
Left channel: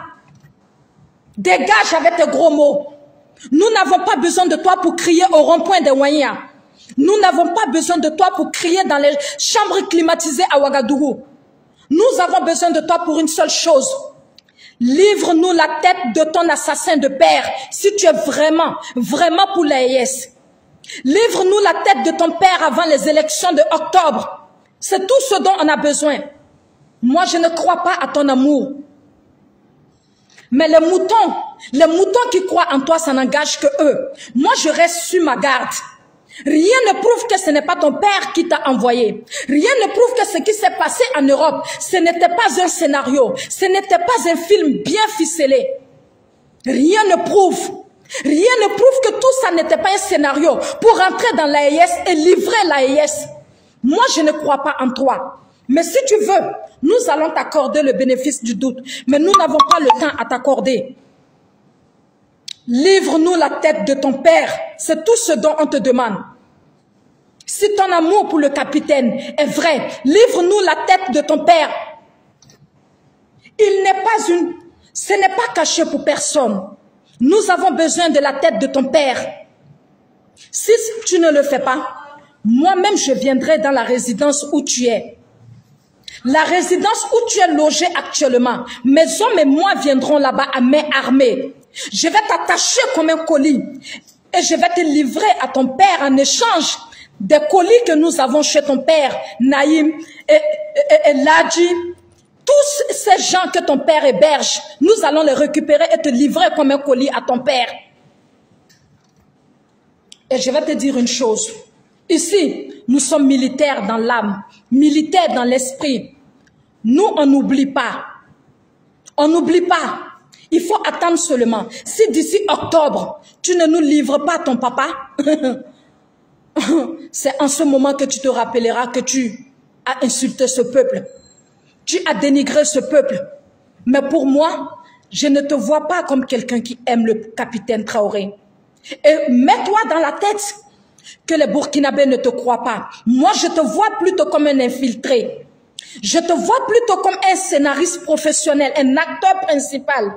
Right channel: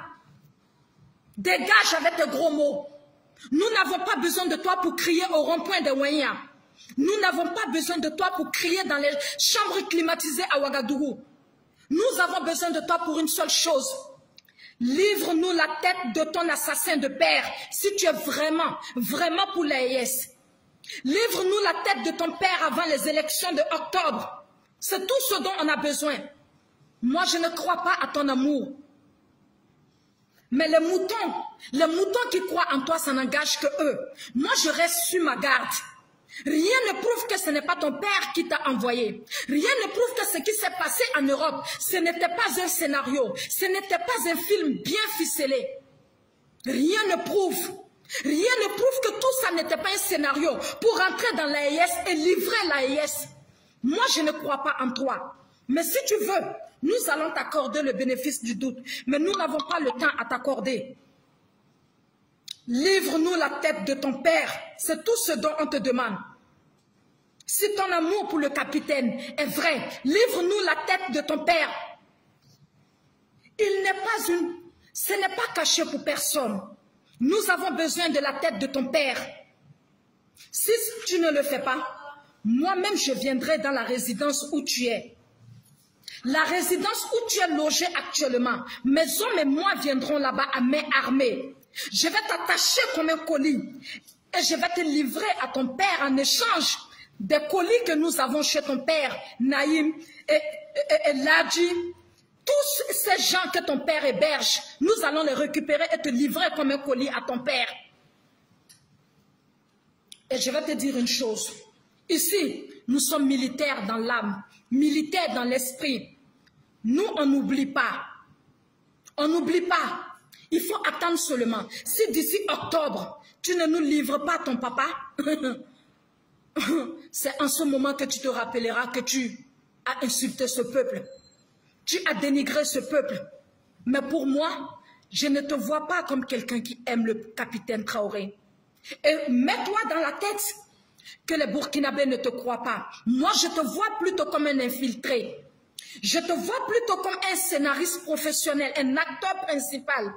Dégage avec tes gros mots. Nous n'avons pas besoin de toi pour crier au rond-point des Wanya. Nous n'avons pas besoin de toi pour crier dans les chambres climatisées à Ouagadougou. Nous avons besoin de toi pour une seule chose. Livre-nous la tête de ton assassin de père, si tu es vraiment pour l'AES. Livre-nous la tête de ton père avant les élections de octobre. C'est tout ce dont on a besoin. Moi, je ne crois pas à ton amour. Mais les moutons qui croient en toi, ça n'engage que eux. Moi, je reste sur ma garde. Rien ne prouve que ce n'est pas ton père qui t'a envoyé. Rien ne prouve que ce qui s'est passé en Europe, ce n'était pas un scénario. Ce n'était pas un film bien ficelé. Rien ne prouve que tout ça n'était pas un scénario pour rentrer dans l'AES et livrer l'AES. Moi, je ne crois pas en toi. Mais si tu veux, nous allons t'accorder le bénéfice du doute. Mais nous n'avons pas le temps à t'accorder. Livre-nous la tête de ton père. C'est tout ce dont on te demande. Si ton amour pour le capitaine est vrai, livre-nous la tête de ton père. Ce n'est pas caché pour personne. Nous avons besoin de la tête de ton père. Si tu ne le fais pas, moi-même je viendrai dans la résidence où tu es. La résidence où tu es logé actuellement. Mes hommes et moi viendrons là-bas à main armée. Je vais t'attacher comme un colis et je vais te livrer à ton père en échange des colis que nous avons chez ton père, Naïm et Ladji. Tous ces gens que ton père héberge, nous allons les récupérer et te livrer comme un colis à ton père. Et je vais te dire une chose. Ici, nous sommes militaires dans l'âme, militaires dans l'esprit. Nous, on n'oublie pas. On n'oublie pas. Il faut attendre seulement. Si d'ici octobre, tu ne nous livres pas ton papa, c'est en ce moment que tu te rappelleras que tu as insulté ce peuple. Tu as dénigré ce peuple. Mais pour moi, je ne te vois pas comme quelqu'un qui aime le capitaine Traoré. Et mets-toi dans la tête que les Burkinabés ne te croient pas. Moi, je te vois plutôt comme un infiltré. Je te vois plutôt comme un scénariste professionnel, un acteur principal.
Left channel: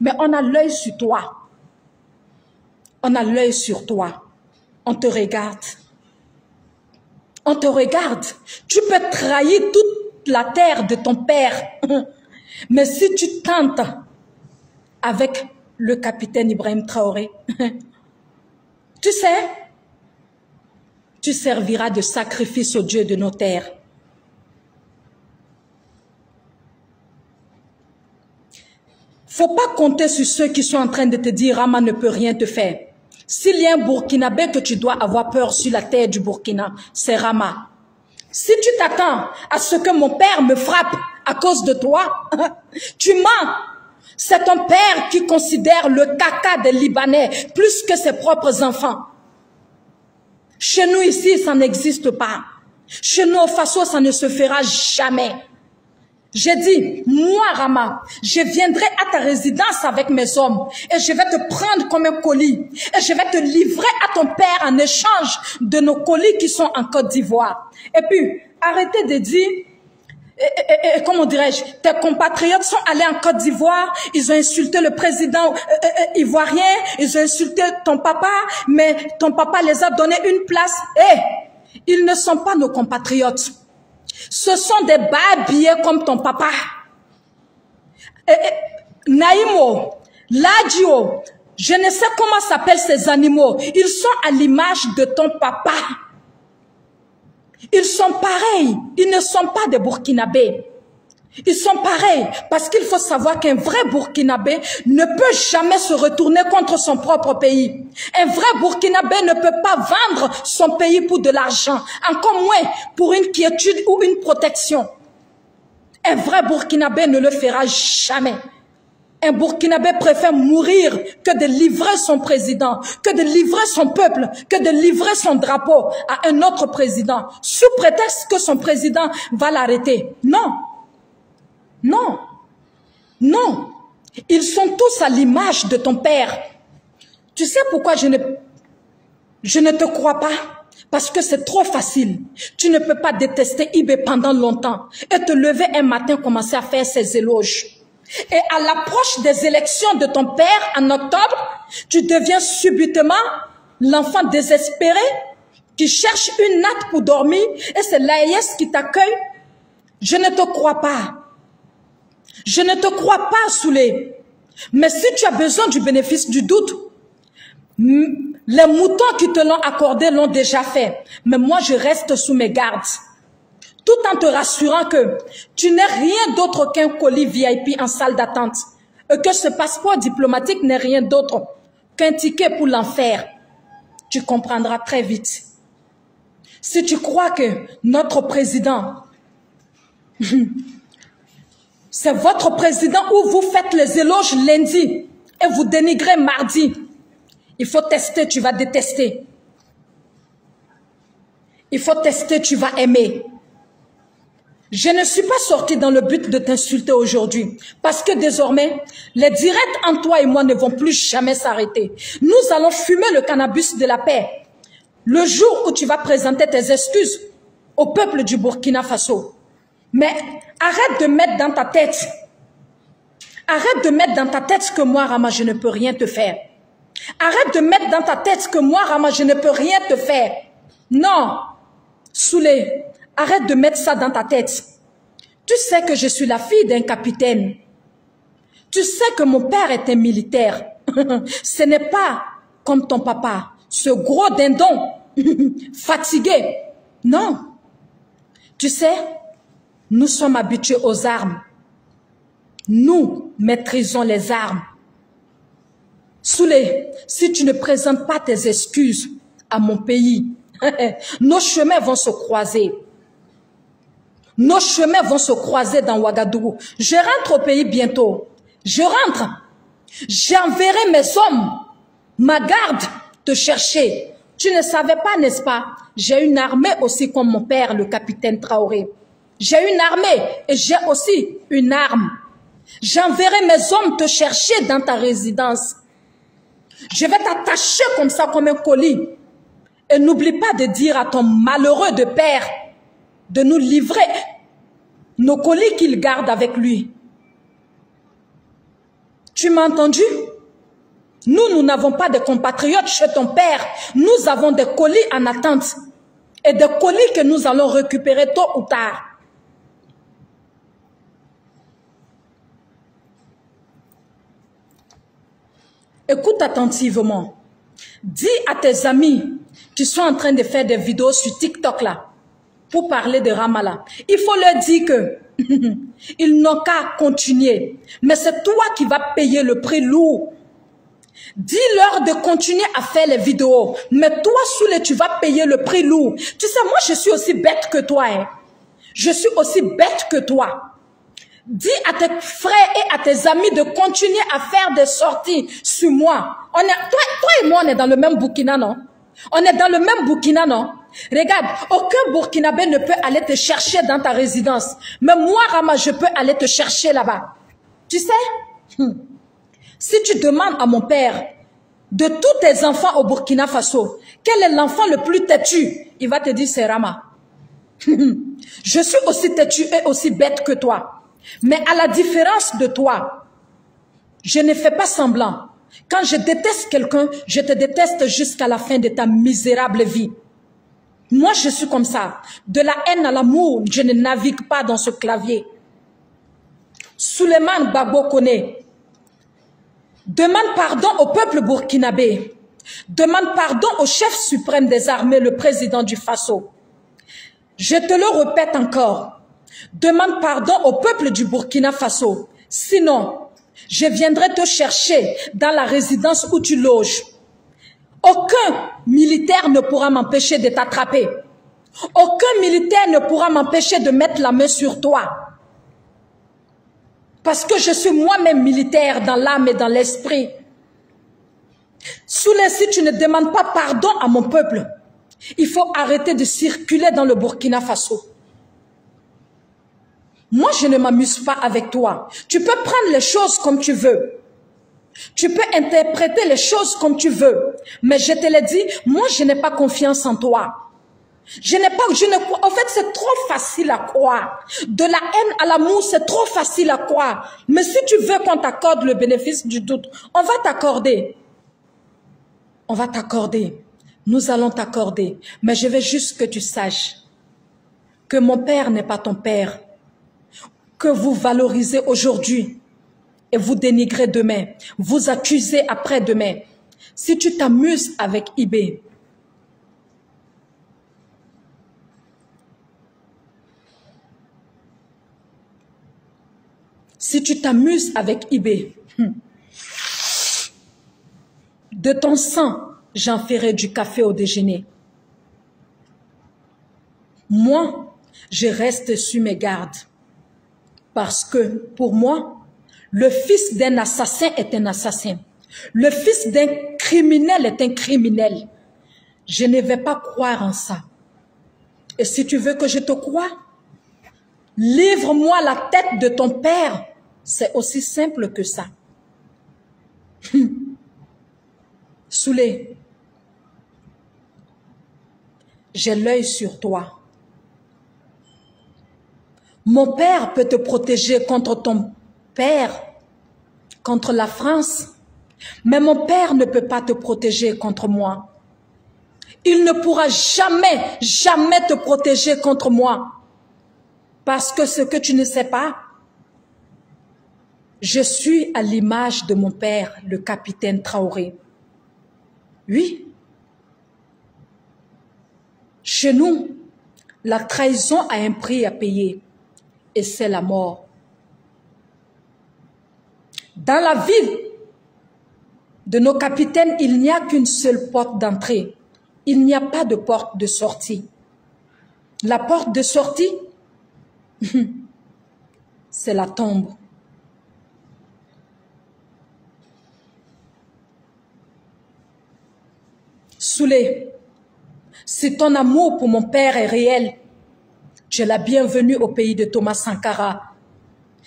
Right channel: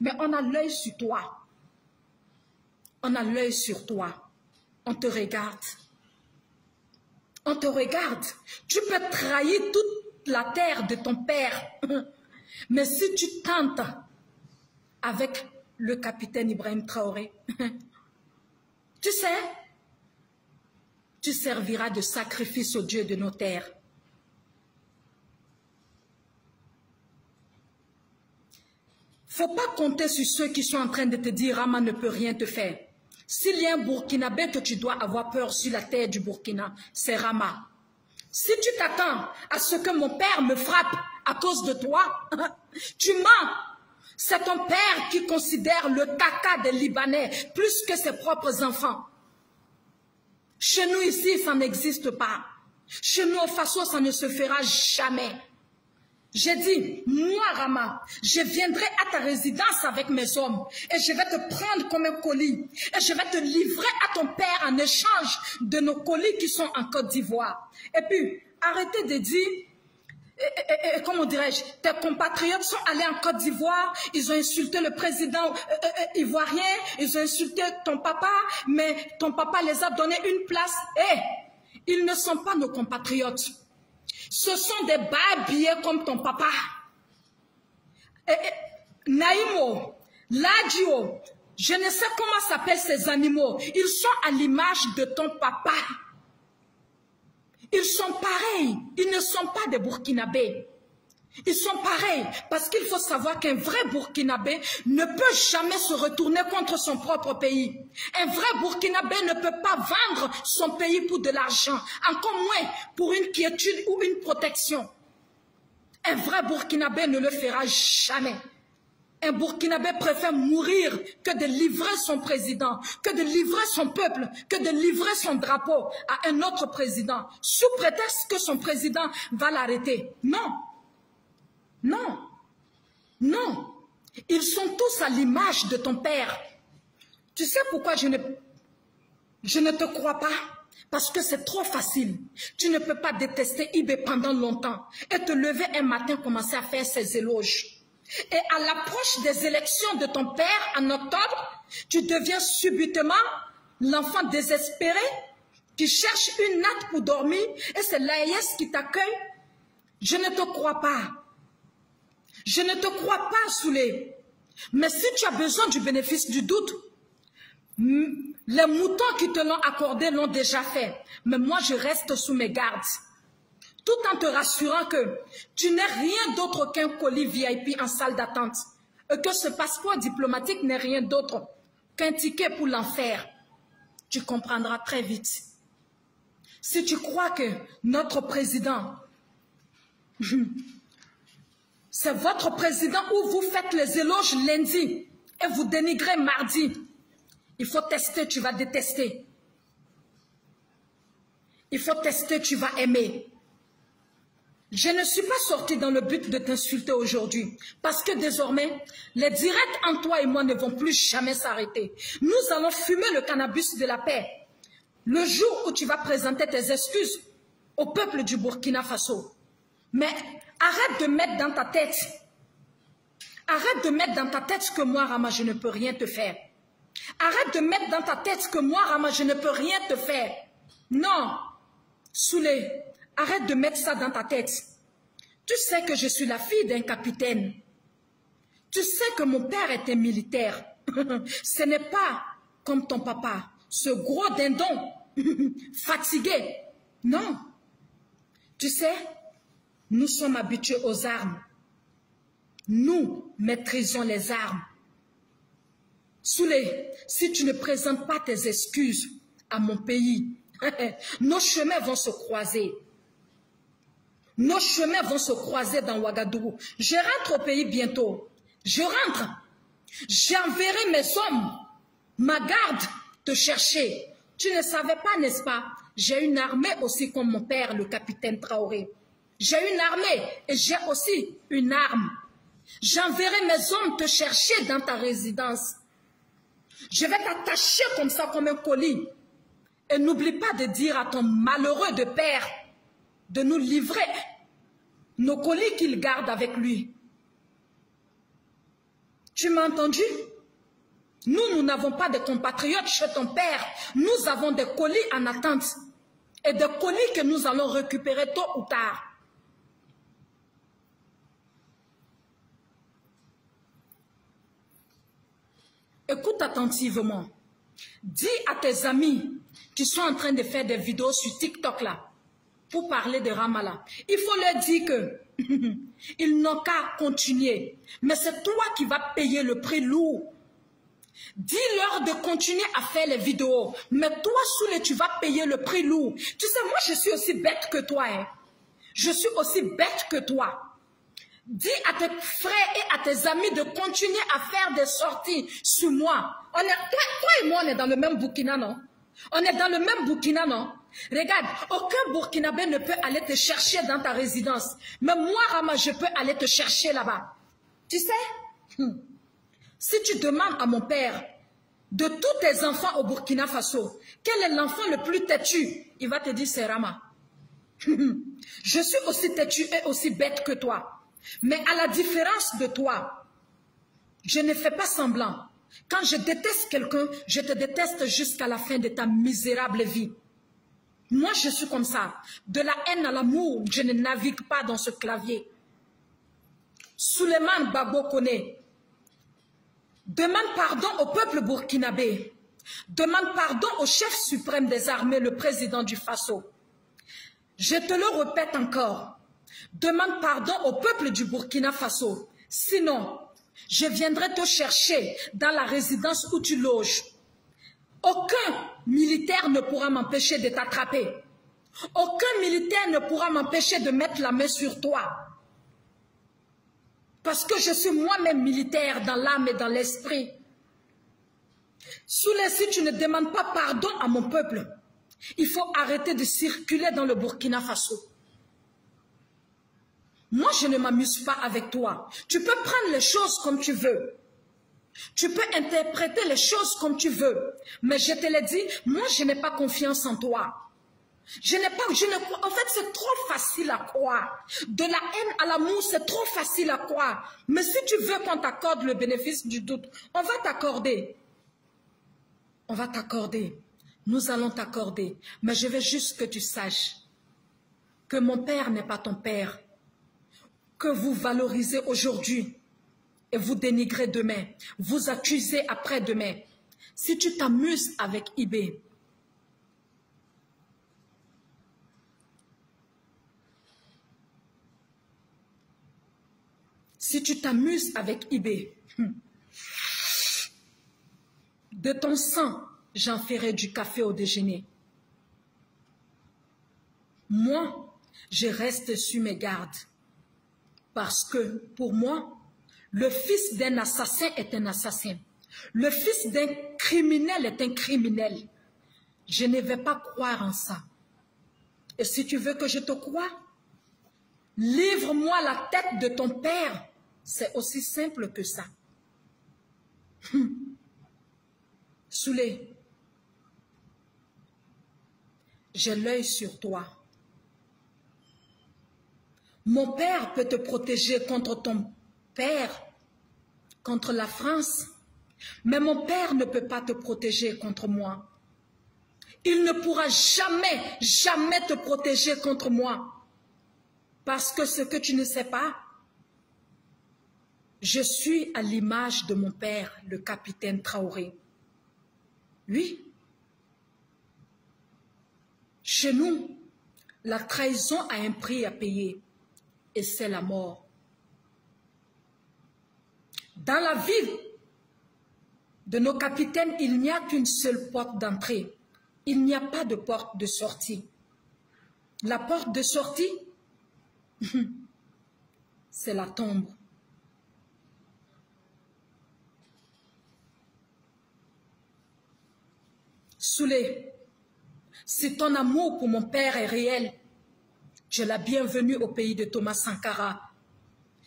Mais on a l'œil sur toi. On a l'œil sur toi. On te regarde. On te regarde. Tu peux trahir toute la terre de ton père. Mais si tu tentes avec le capitaine Ibrahim Traoré, tu sais, tu serviras de sacrifice au Dieu de nos terres. Faut pas compter sur ceux qui sont en train de te dire Rama ne peut rien te faire. S'il y a un Burkinabé que tu dois avoir peur sur la terre du Burkina, c'est Rama. Si tu t'attends à ce que mon père me frappe à cause de toi, tu mens. C'est ton père qui considère le caca des Libanais plus que ses propres enfants. Chez nous ici, ça n'existe pas. Chez nous au Faso, ça ne se fera jamais. J'ai dit, moi Rama, je viendrai à ta résidence avec mes hommes et je vais te prendre comme un colis et je vais te livrer à ton père en échange de nos colis qui sont en Côte d'Ivoire. Et puis, arrêtez de dire, comment dirais-je, tes compatriotes sont allés en Côte d'Ivoire, ils ont insulté le président ivoirien, ils ont insulté ton papa, mais ton papa les a donné une place. Ils ne sont pas nos compatriotes. Ce sont des babillés comme ton papa. Naïmo, Ladjio, je ne sais comment s'appellent ces animaux. Ils sont à l'image de ton papa. Ils sont pareils. Ils ne sont pas des Burkinabés. Ils sont pareils parce qu'il faut savoir qu'un vrai Burkinabé ne peut jamais se retourner contre son propre pays. Un vrai Burkinabé ne peut pas vendre son pays pour de l'argent, encore moins pour une quiétude ou une protection. Un vrai Burkinabé ne le fera jamais. Un Burkinabé préfère mourir que de livrer son président, que de livrer son peuple, que de livrer son drapeau à un autre président, sous prétexte que son président va l'arrêter. Non. Non, non, ils sont tous à l'image de ton père. Tu sais pourquoi je ne te crois pas? Parce que c'est trop facile. Tu ne peux pas détester Ibé pendant longtemps et te lever un matin commencer à faire ses éloges. Et à l'approche des élections de ton père en octobre, tu deviens subitement l'enfant désespéré qui cherche une natte pour dormir et c'est l'AES qui t'accueille. Je ne te crois pas. Je ne te crois pas, Soulé. Mais si tu as besoin du bénéfice du doute, les moutons qui te l'ont accordé l'ont déjà fait. Mais moi, je reste sous mes gardes. Tout en te rassurant que tu n'es rien d'autre qu'un colis VIP en salle d'attente. Et que ce passeport diplomatique n'est rien d'autre qu'un ticket pour l'enfer. Tu comprendras très vite. Si tu crois que notre président, c'est votre président où vous faites les éloges lundi et vous dénigrez mardi, il faut tester, tu vas détester. Il faut tester, tu vas aimer. Je ne suis pas sortie dans le but de t'insulter aujourd'hui, parce que désormais, les directs entre toi et moi ne vont plus jamais s'arrêter. Nous allons fumer le cannabis de la paix. Le jour où tu vas présenter tes excuses au peuple du Burkina Faso. Mais arrête de mettre dans ta tête, que moi, Rama, je ne peux rien te faire. Arrête de mettre dans ta tête que moi, Rama, je ne peux rien te faire. Non, Soulé, arrête de mettre ça dans ta tête. Tu sais que je suis la fille d'un capitaine. Tu sais que mon père est un militaire. Ce n'est pas comme ton papa, ce gros dindon, fatigué. Non. Tu sais, nous sommes habitués aux armes. Nous maîtrisons les armes. Soulé, si tu ne présentes pas tes excuses à mon pays, nos chemins vont se croiser. Nos chemins vont se croiser dans Ouagadougou. Je rentre au pays bientôt. Je rentre. J'enverrai mes hommes, ma garde, te chercher. Tu ne savais pas, n'est-ce pas? J'ai une armée aussi comme mon père, le capitaine Traoré. J'ai une armée et j'ai aussi une arme. J'enverrai mes hommes te chercher dans ta résidence. Je vais t'attacher comme ça, comme un colis. Et n'oublie pas de dire à ton malheureux de père de nous livrer nos colis qu'il garde avec lui. Tu m'as entendu? Nous n'avons pas de compatriotes chez ton père. Nous avons des colis en attente. Et des colis que nous allons récupérer tôt ou tard. Écoute attentivement. Dis à tes amis qui sont en train de faire des vidéos sur TikTok là, pour parler de Ramallah. Il faut leur dire que ils n'ont qu'à continuer. Mais c'est toi qui vas payer le prix lourd. Dis-leur de continuer à faire les vidéos. Mais toi, Soulé, tu vas payer le prix lourd. Tu sais, moi, je suis aussi bête que toi. Hein. Je suis aussi bête que toi. Dis à tes frères et à tes amis de continuer à faire des sorties sur moi. Toi et moi, on est dans le même Burkina, non? On est dans le même Burkina, non? Regarde, aucun Burkinabé ne peut aller te chercher dans ta résidence. Mais moi, Rama, je peux aller te chercher là-bas. Tu sais? Si tu demandes à mon père, de tous tes enfants au Burkina Faso, quel est l'enfant le plus têtu? Il va te dire, c'est Rama. Je suis aussi têtu et aussi bête que toi. Mais à la différence de toi, je ne fais pas semblant. Quand je déteste quelqu'un, je te déteste jusqu'à la fin de ta misérable vie. Moi, je suis comme ça. De la haine à l'amour, je ne navigue pas dans ce clavier. Souleymane Gbagbo Koné, demande pardon au peuple burkinabé. Demande pardon au chef suprême des armées, le président du Faso. Je te le répète encore. Demande pardon au peuple du Burkina Faso. Sinon, je viendrai te chercher dans la résidence où tu loges. Aucun militaire ne pourra m'empêcher de t'attraper. Aucun militaire ne pourra m'empêcher de mettre la main sur toi. Parce que je suis moi-même militaire dans l'âme et dans l'esprit. Soulé, si tu ne demandes pas pardon à mon peuple, il faut arrêter de circuler dans le Burkina Faso. Moi, je ne m'amuse pas avec toi. Tu peux prendre les choses comme tu veux. Tu peux interpréter les choses comme tu veux. Mais je te l'ai dit, moi, je n'ai pas confiance en toi. En fait, c'est trop facile à croire. De la haine à l'amour, c'est trop facile à croire. Mais si tu veux qu'on t'accorde le bénéfice du doute, on va t'accorder. On va t'accorder. Nous allons t'accorder. Mais je veux juste que tu saches que mon père n'est pas ton père. Que vous valorisez aujourd'hui et vous dénigrez demain. Vous accusez après-demain. Si tu t'amuses avec IB, si tu t'amuses avec IB, de ton sang, j'en ferai du café au déjeuner. Moi, je reste sur mes gardes. Parce que, pour moi, le fils d'un assassin est un assassin. Le fils d'un criminel est un criminel. Je ne vais pas croire en ça. Et si tu veux que je te croie, livre-moi la tête de ton père. C'est aussi simple que ça. Soulé, j'ai l'œil sur toi. Mon père peut te protéger contre ton père, contre la France, mais mon père ne peut pas te protéger contre moi. Il ne pourra jamais, jamais te protéger contre moi. Parce que ce que tu ne sais pas, je suis à l'image de mon père, le capitaine Traoré. Oui. Chez nous, la trahison a un prix à payer. Et c'est la mort. Dans la vie de nos capitaines, il n'y a qu'une seule porte d'entrée. Il n'y a pas de porte de sortie. La porte de sortie, c'est la tombe. Soulé, si ton amour pour mon père est réel, tu es la bienvenue au pays de Thomas Sankara.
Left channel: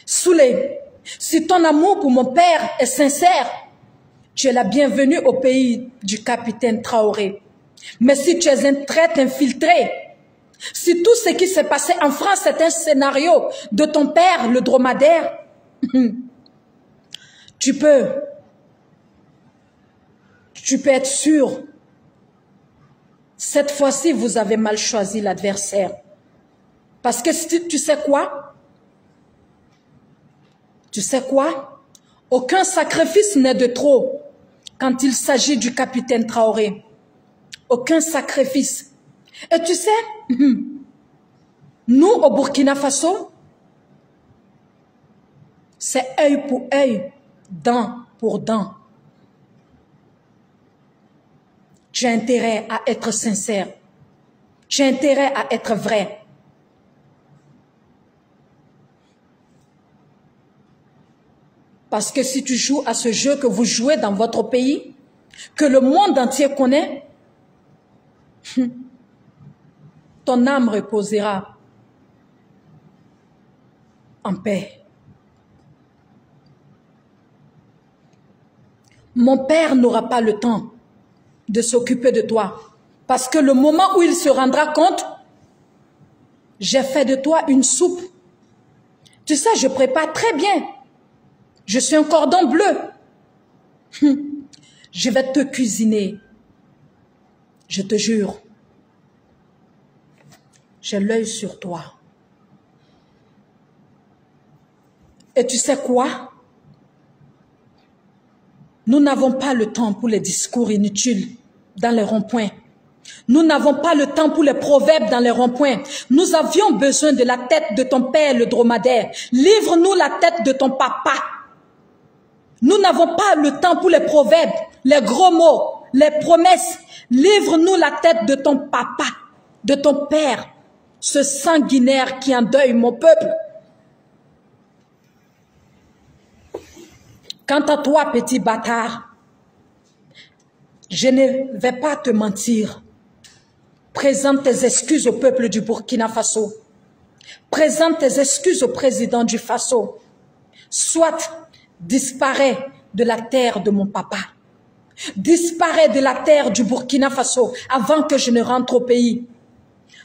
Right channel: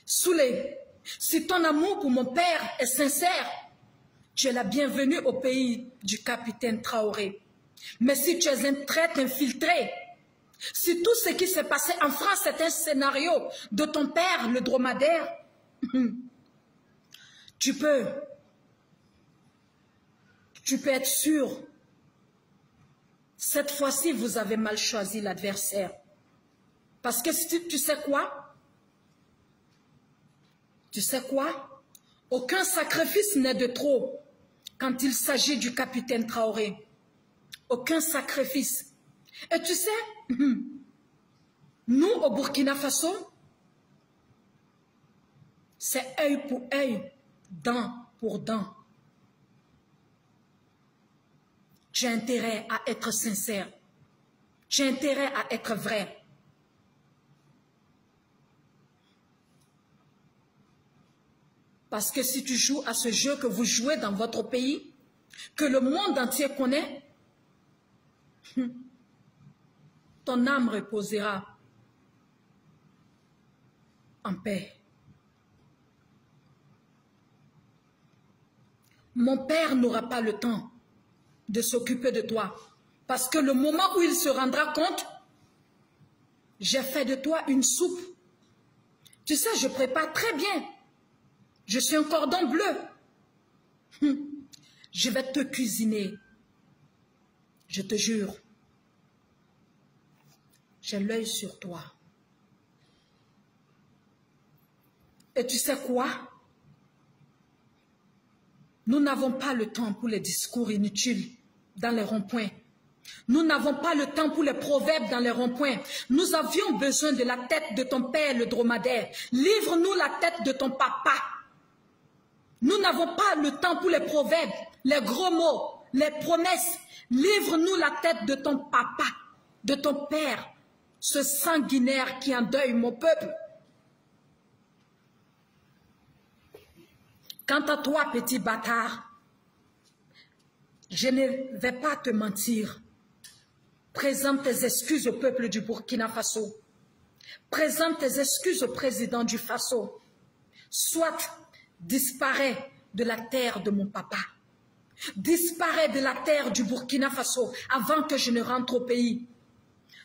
Soulé, si ton amour pour mon père est sincère, tu es la bienvenue au pays du capitaine Traoré. Mais si tu es un traître infiltré, si tout ce qui s'est passé en France est un scénario de ton père, le dromadaire, tu peux être sûr. Cette fois-ci, vous avez mal choisi l'adversaire. Parce que tu sais quoi? Tu sais quoi? Aucun sacrifice n'est de trop quand il s'agit du capitaine Traoré. Aucun sacrifice. Et tu sais, nous au Burkina Faso, c'est œil pour œil, dent pour dent. Tu as intérêt à être sincère. Tu as intérêt à être vrai. Parce que si tu joues à ce jeu que vous jouez dans votre pays, que le monde entier connaît, ton âme reposera en paix. Mon père n'aura pas le temps de s'occuper de toi. Parce que le moment où il se rendra compte, j'ai fait de toi une soupe. Tu sais, je prépare très bien. Je suis un cordon bleu. Je vais te cuisiner. Je te jure. J'ai l'œil sur toi. Et tu sais quoi? Nous n'avons pas le temps pour les discours inutiles dans les ronds-points. Nous n'avons pas le temps pour les proverbes dans les ronds-points. Nous avions besoin de la tête de ton père, le dromadaire. Livre-nous la tête de ton papa. Nous n'avons pas le temps pour les proverbes, les gros mots, les promesses. Livre-nous la tête de ton papa, de ton père, ce sanguinaire qui endeuille mon peuple. Quant à toi, petit bâtard, je ne vais pas te mentir. Présente tes excuses au peuple du Burkina Faso. Présente tes excuses au président du Faso. Soit disparaît de la terre de mon papa. Disparaît de la terre du Burkina Faso avant que je ne rentre au pays.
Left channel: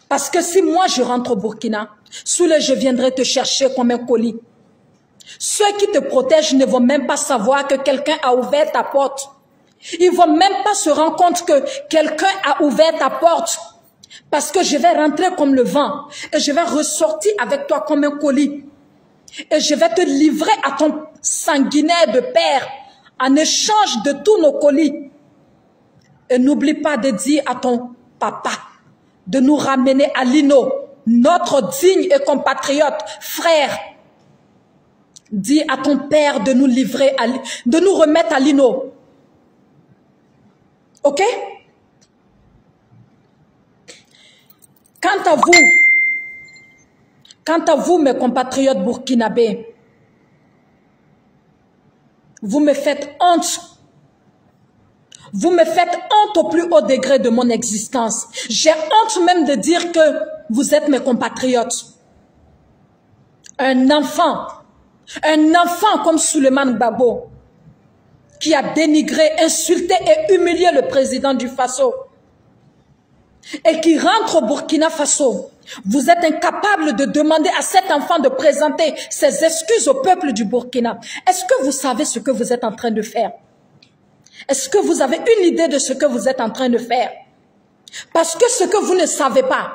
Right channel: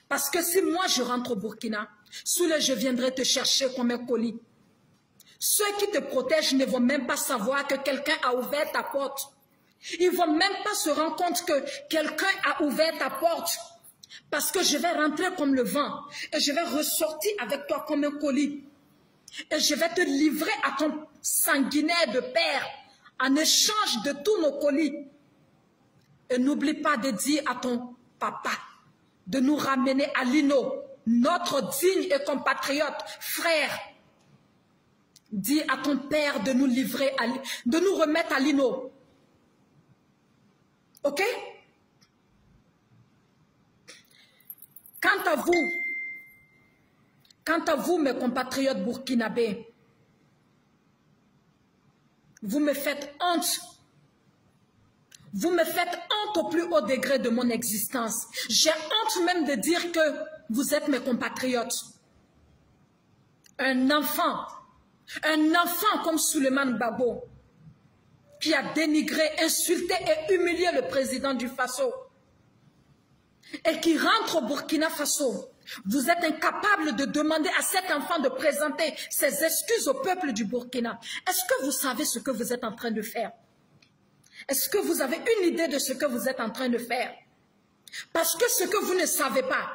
Parce que si moi je rentre au Burkina, Soulé, je viendrai te chercher comme un colis. Ceux qui te protègent ne vont même pas savoir que quelqu'un a ouvert ta porte. Ils ne vont même pas se rendre compte que quelqu'un a ouvert ta porte. Parce que je vais rentrer comme le vent. Et je vais ressortir avec toi comme un colis. Et je vais te livrer à ton sanguinaire de père en échange de tous nos colis. Et n'oublie pas de dire à ton papa de nous ramener à Lino, notre digne et compatriote frère. Dis à ton père de nous livrer, de nous remettre à Lino. Ok? Quant à vous, mes compatriotes burkinabés, vous me faites honte. Vous me faites honte au plus haut degré de mon existence. J'ai honte même de dire que vous êtes mes compatriotes. Un enfant comme Souleymane Gbagbo, qui a dénigré, insulté et humilié le président du Faso, et qui rentre au Burkina Faso, vous êtes incapable de demander à cet enfant de présenter ses excuses au peuple du Burkina. Est-ce que vous savez ce que vous êtes en train de faire? Est-ce que vous avez une idée de ce que vous êtes en train de faire? Parce que ce que vous ne savez pas,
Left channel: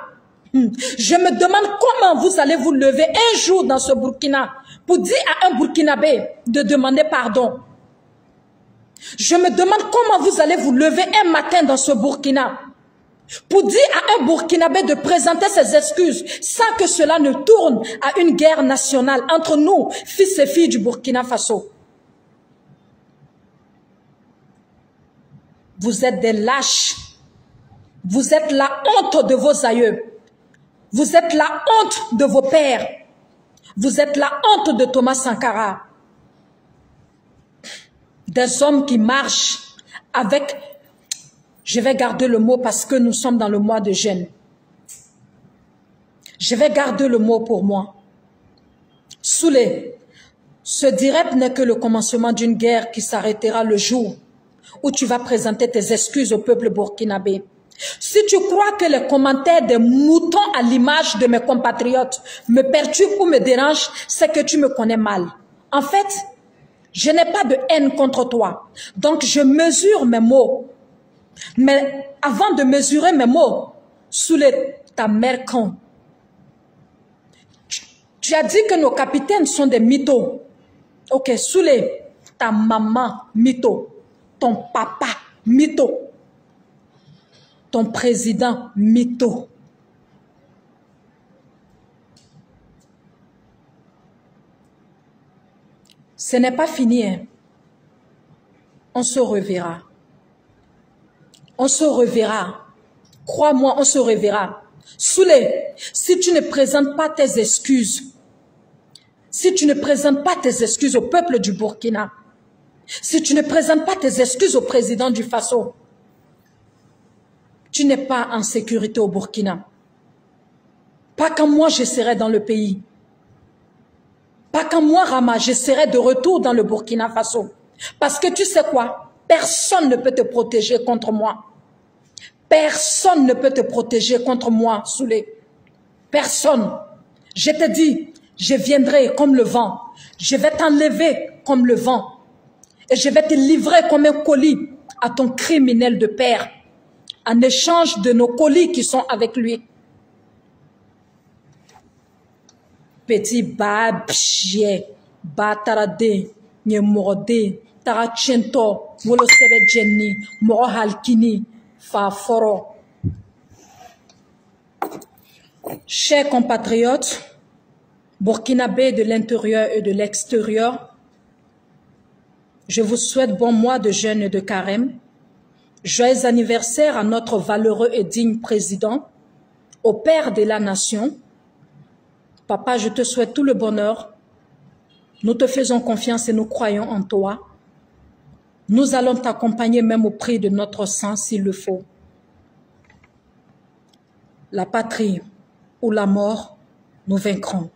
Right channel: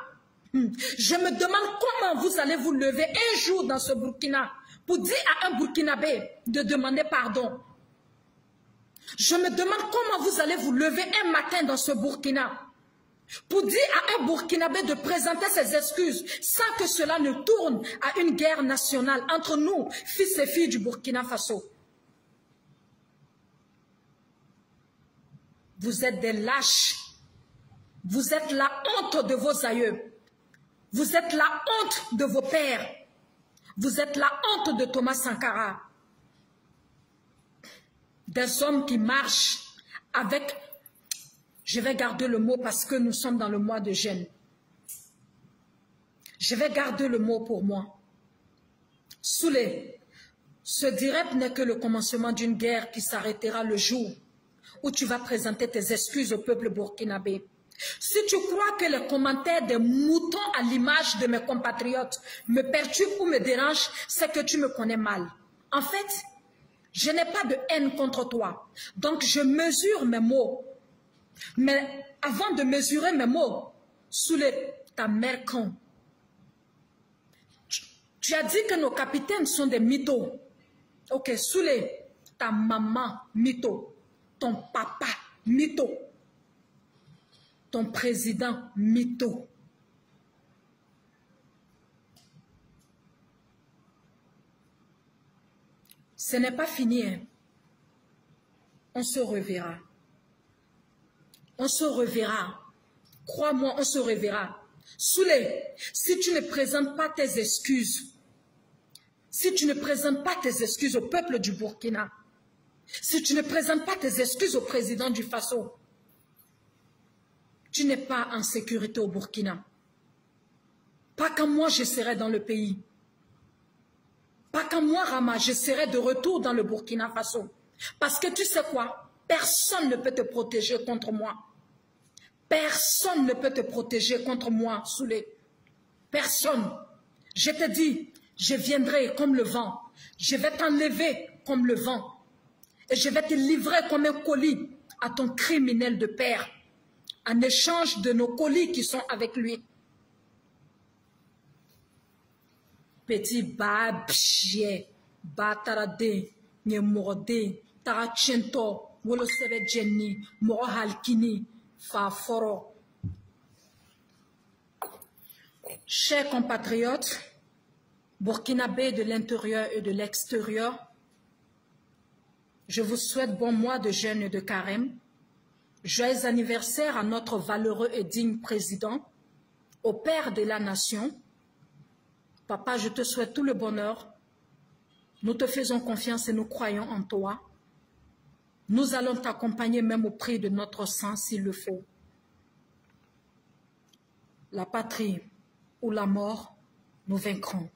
je me demande comment vous allez vous lever un jour dans ce Burkina pour dire à un Burkinabé de demander pardon. Je me demande comment vous allez vous lever un matin dans ce Burkina pour dire à un Burkinabé de présenter ses excuses sans que cela ne tourne à une guerre nationale entre nous, fils et filles du Burkina Faso. Vous êtes des lâches. Vous êtes la honte de vos aïeux. Vous êtes la honte de vos pères. Vous êtes la honte de Thomas Sankara. Des hommes qui marchent avec... Je vais garder le mot parce que nous sommes dans le mois de jeûne. Je vais garder le mot pour moi. Soulé, ce direct n'est que le commencement d'une guerre qui s'arrêtera le jour où tu vas présenter tes excuses au peuple burkinabé. Si tu crois que les commentaires des moutons à l'image de mes compatriotes me perturbent ou me dérangent, c'est que tu me connais mal. En fait, je n'ai pas de haine contre toi. Donc je mesure mes mots. Mais avant de mesurer mes mots, Soulé, ta mère con. Tu as dit que nos capitaines sont des mythos. Ok, Soulé, ta maman, mytho. Ton papa, mytho. Ton président, mytho. Ce n'est pas fini, hein. On se reverra. On se reverra. Crois-moi, on se reverra. Soulé, si tu ne présentes pas tes excuses, si tu ne présentes pas tes excuses au peuple du Burkina, si tu ne présentes pas tes excuses au président du Faso, tu n'es pas en sécurité au Burkina. Pas quand moi je serai dans le pays. Pas quand moi, Rama, je serai de retour dans le Burkina Faso. Parce que tu sais quoi? Personne ne peut te protéger contre moi. Personne ne peut te protéger contre moi, Soulé. Personne. Je te dis, je viendrai comme le vent. Je vais t'enlever comme le vent. Et je vais te livrer comme un colis à ton criminel de père, en échange de nos colis qui sont avec lui. Petit babje, batarade, nyemorde, tarachento, wolosebe jenni, mohalkini, faforo. Chers compatriotes, burkinabés de l'intérieur et de l'extérieur, je vous souhaite bon mois de jeûne et de carême. Joyeux anniversaire à notre valeureux et digne président, au père de la nation. Papa, je te souhaite tout le bonheur. Nous te faisons confiance et nous croyons en toi. Nous allons t'accompagner même au prix de notre sang s'il le faut. La patrie ou la mort, nous vaincrons.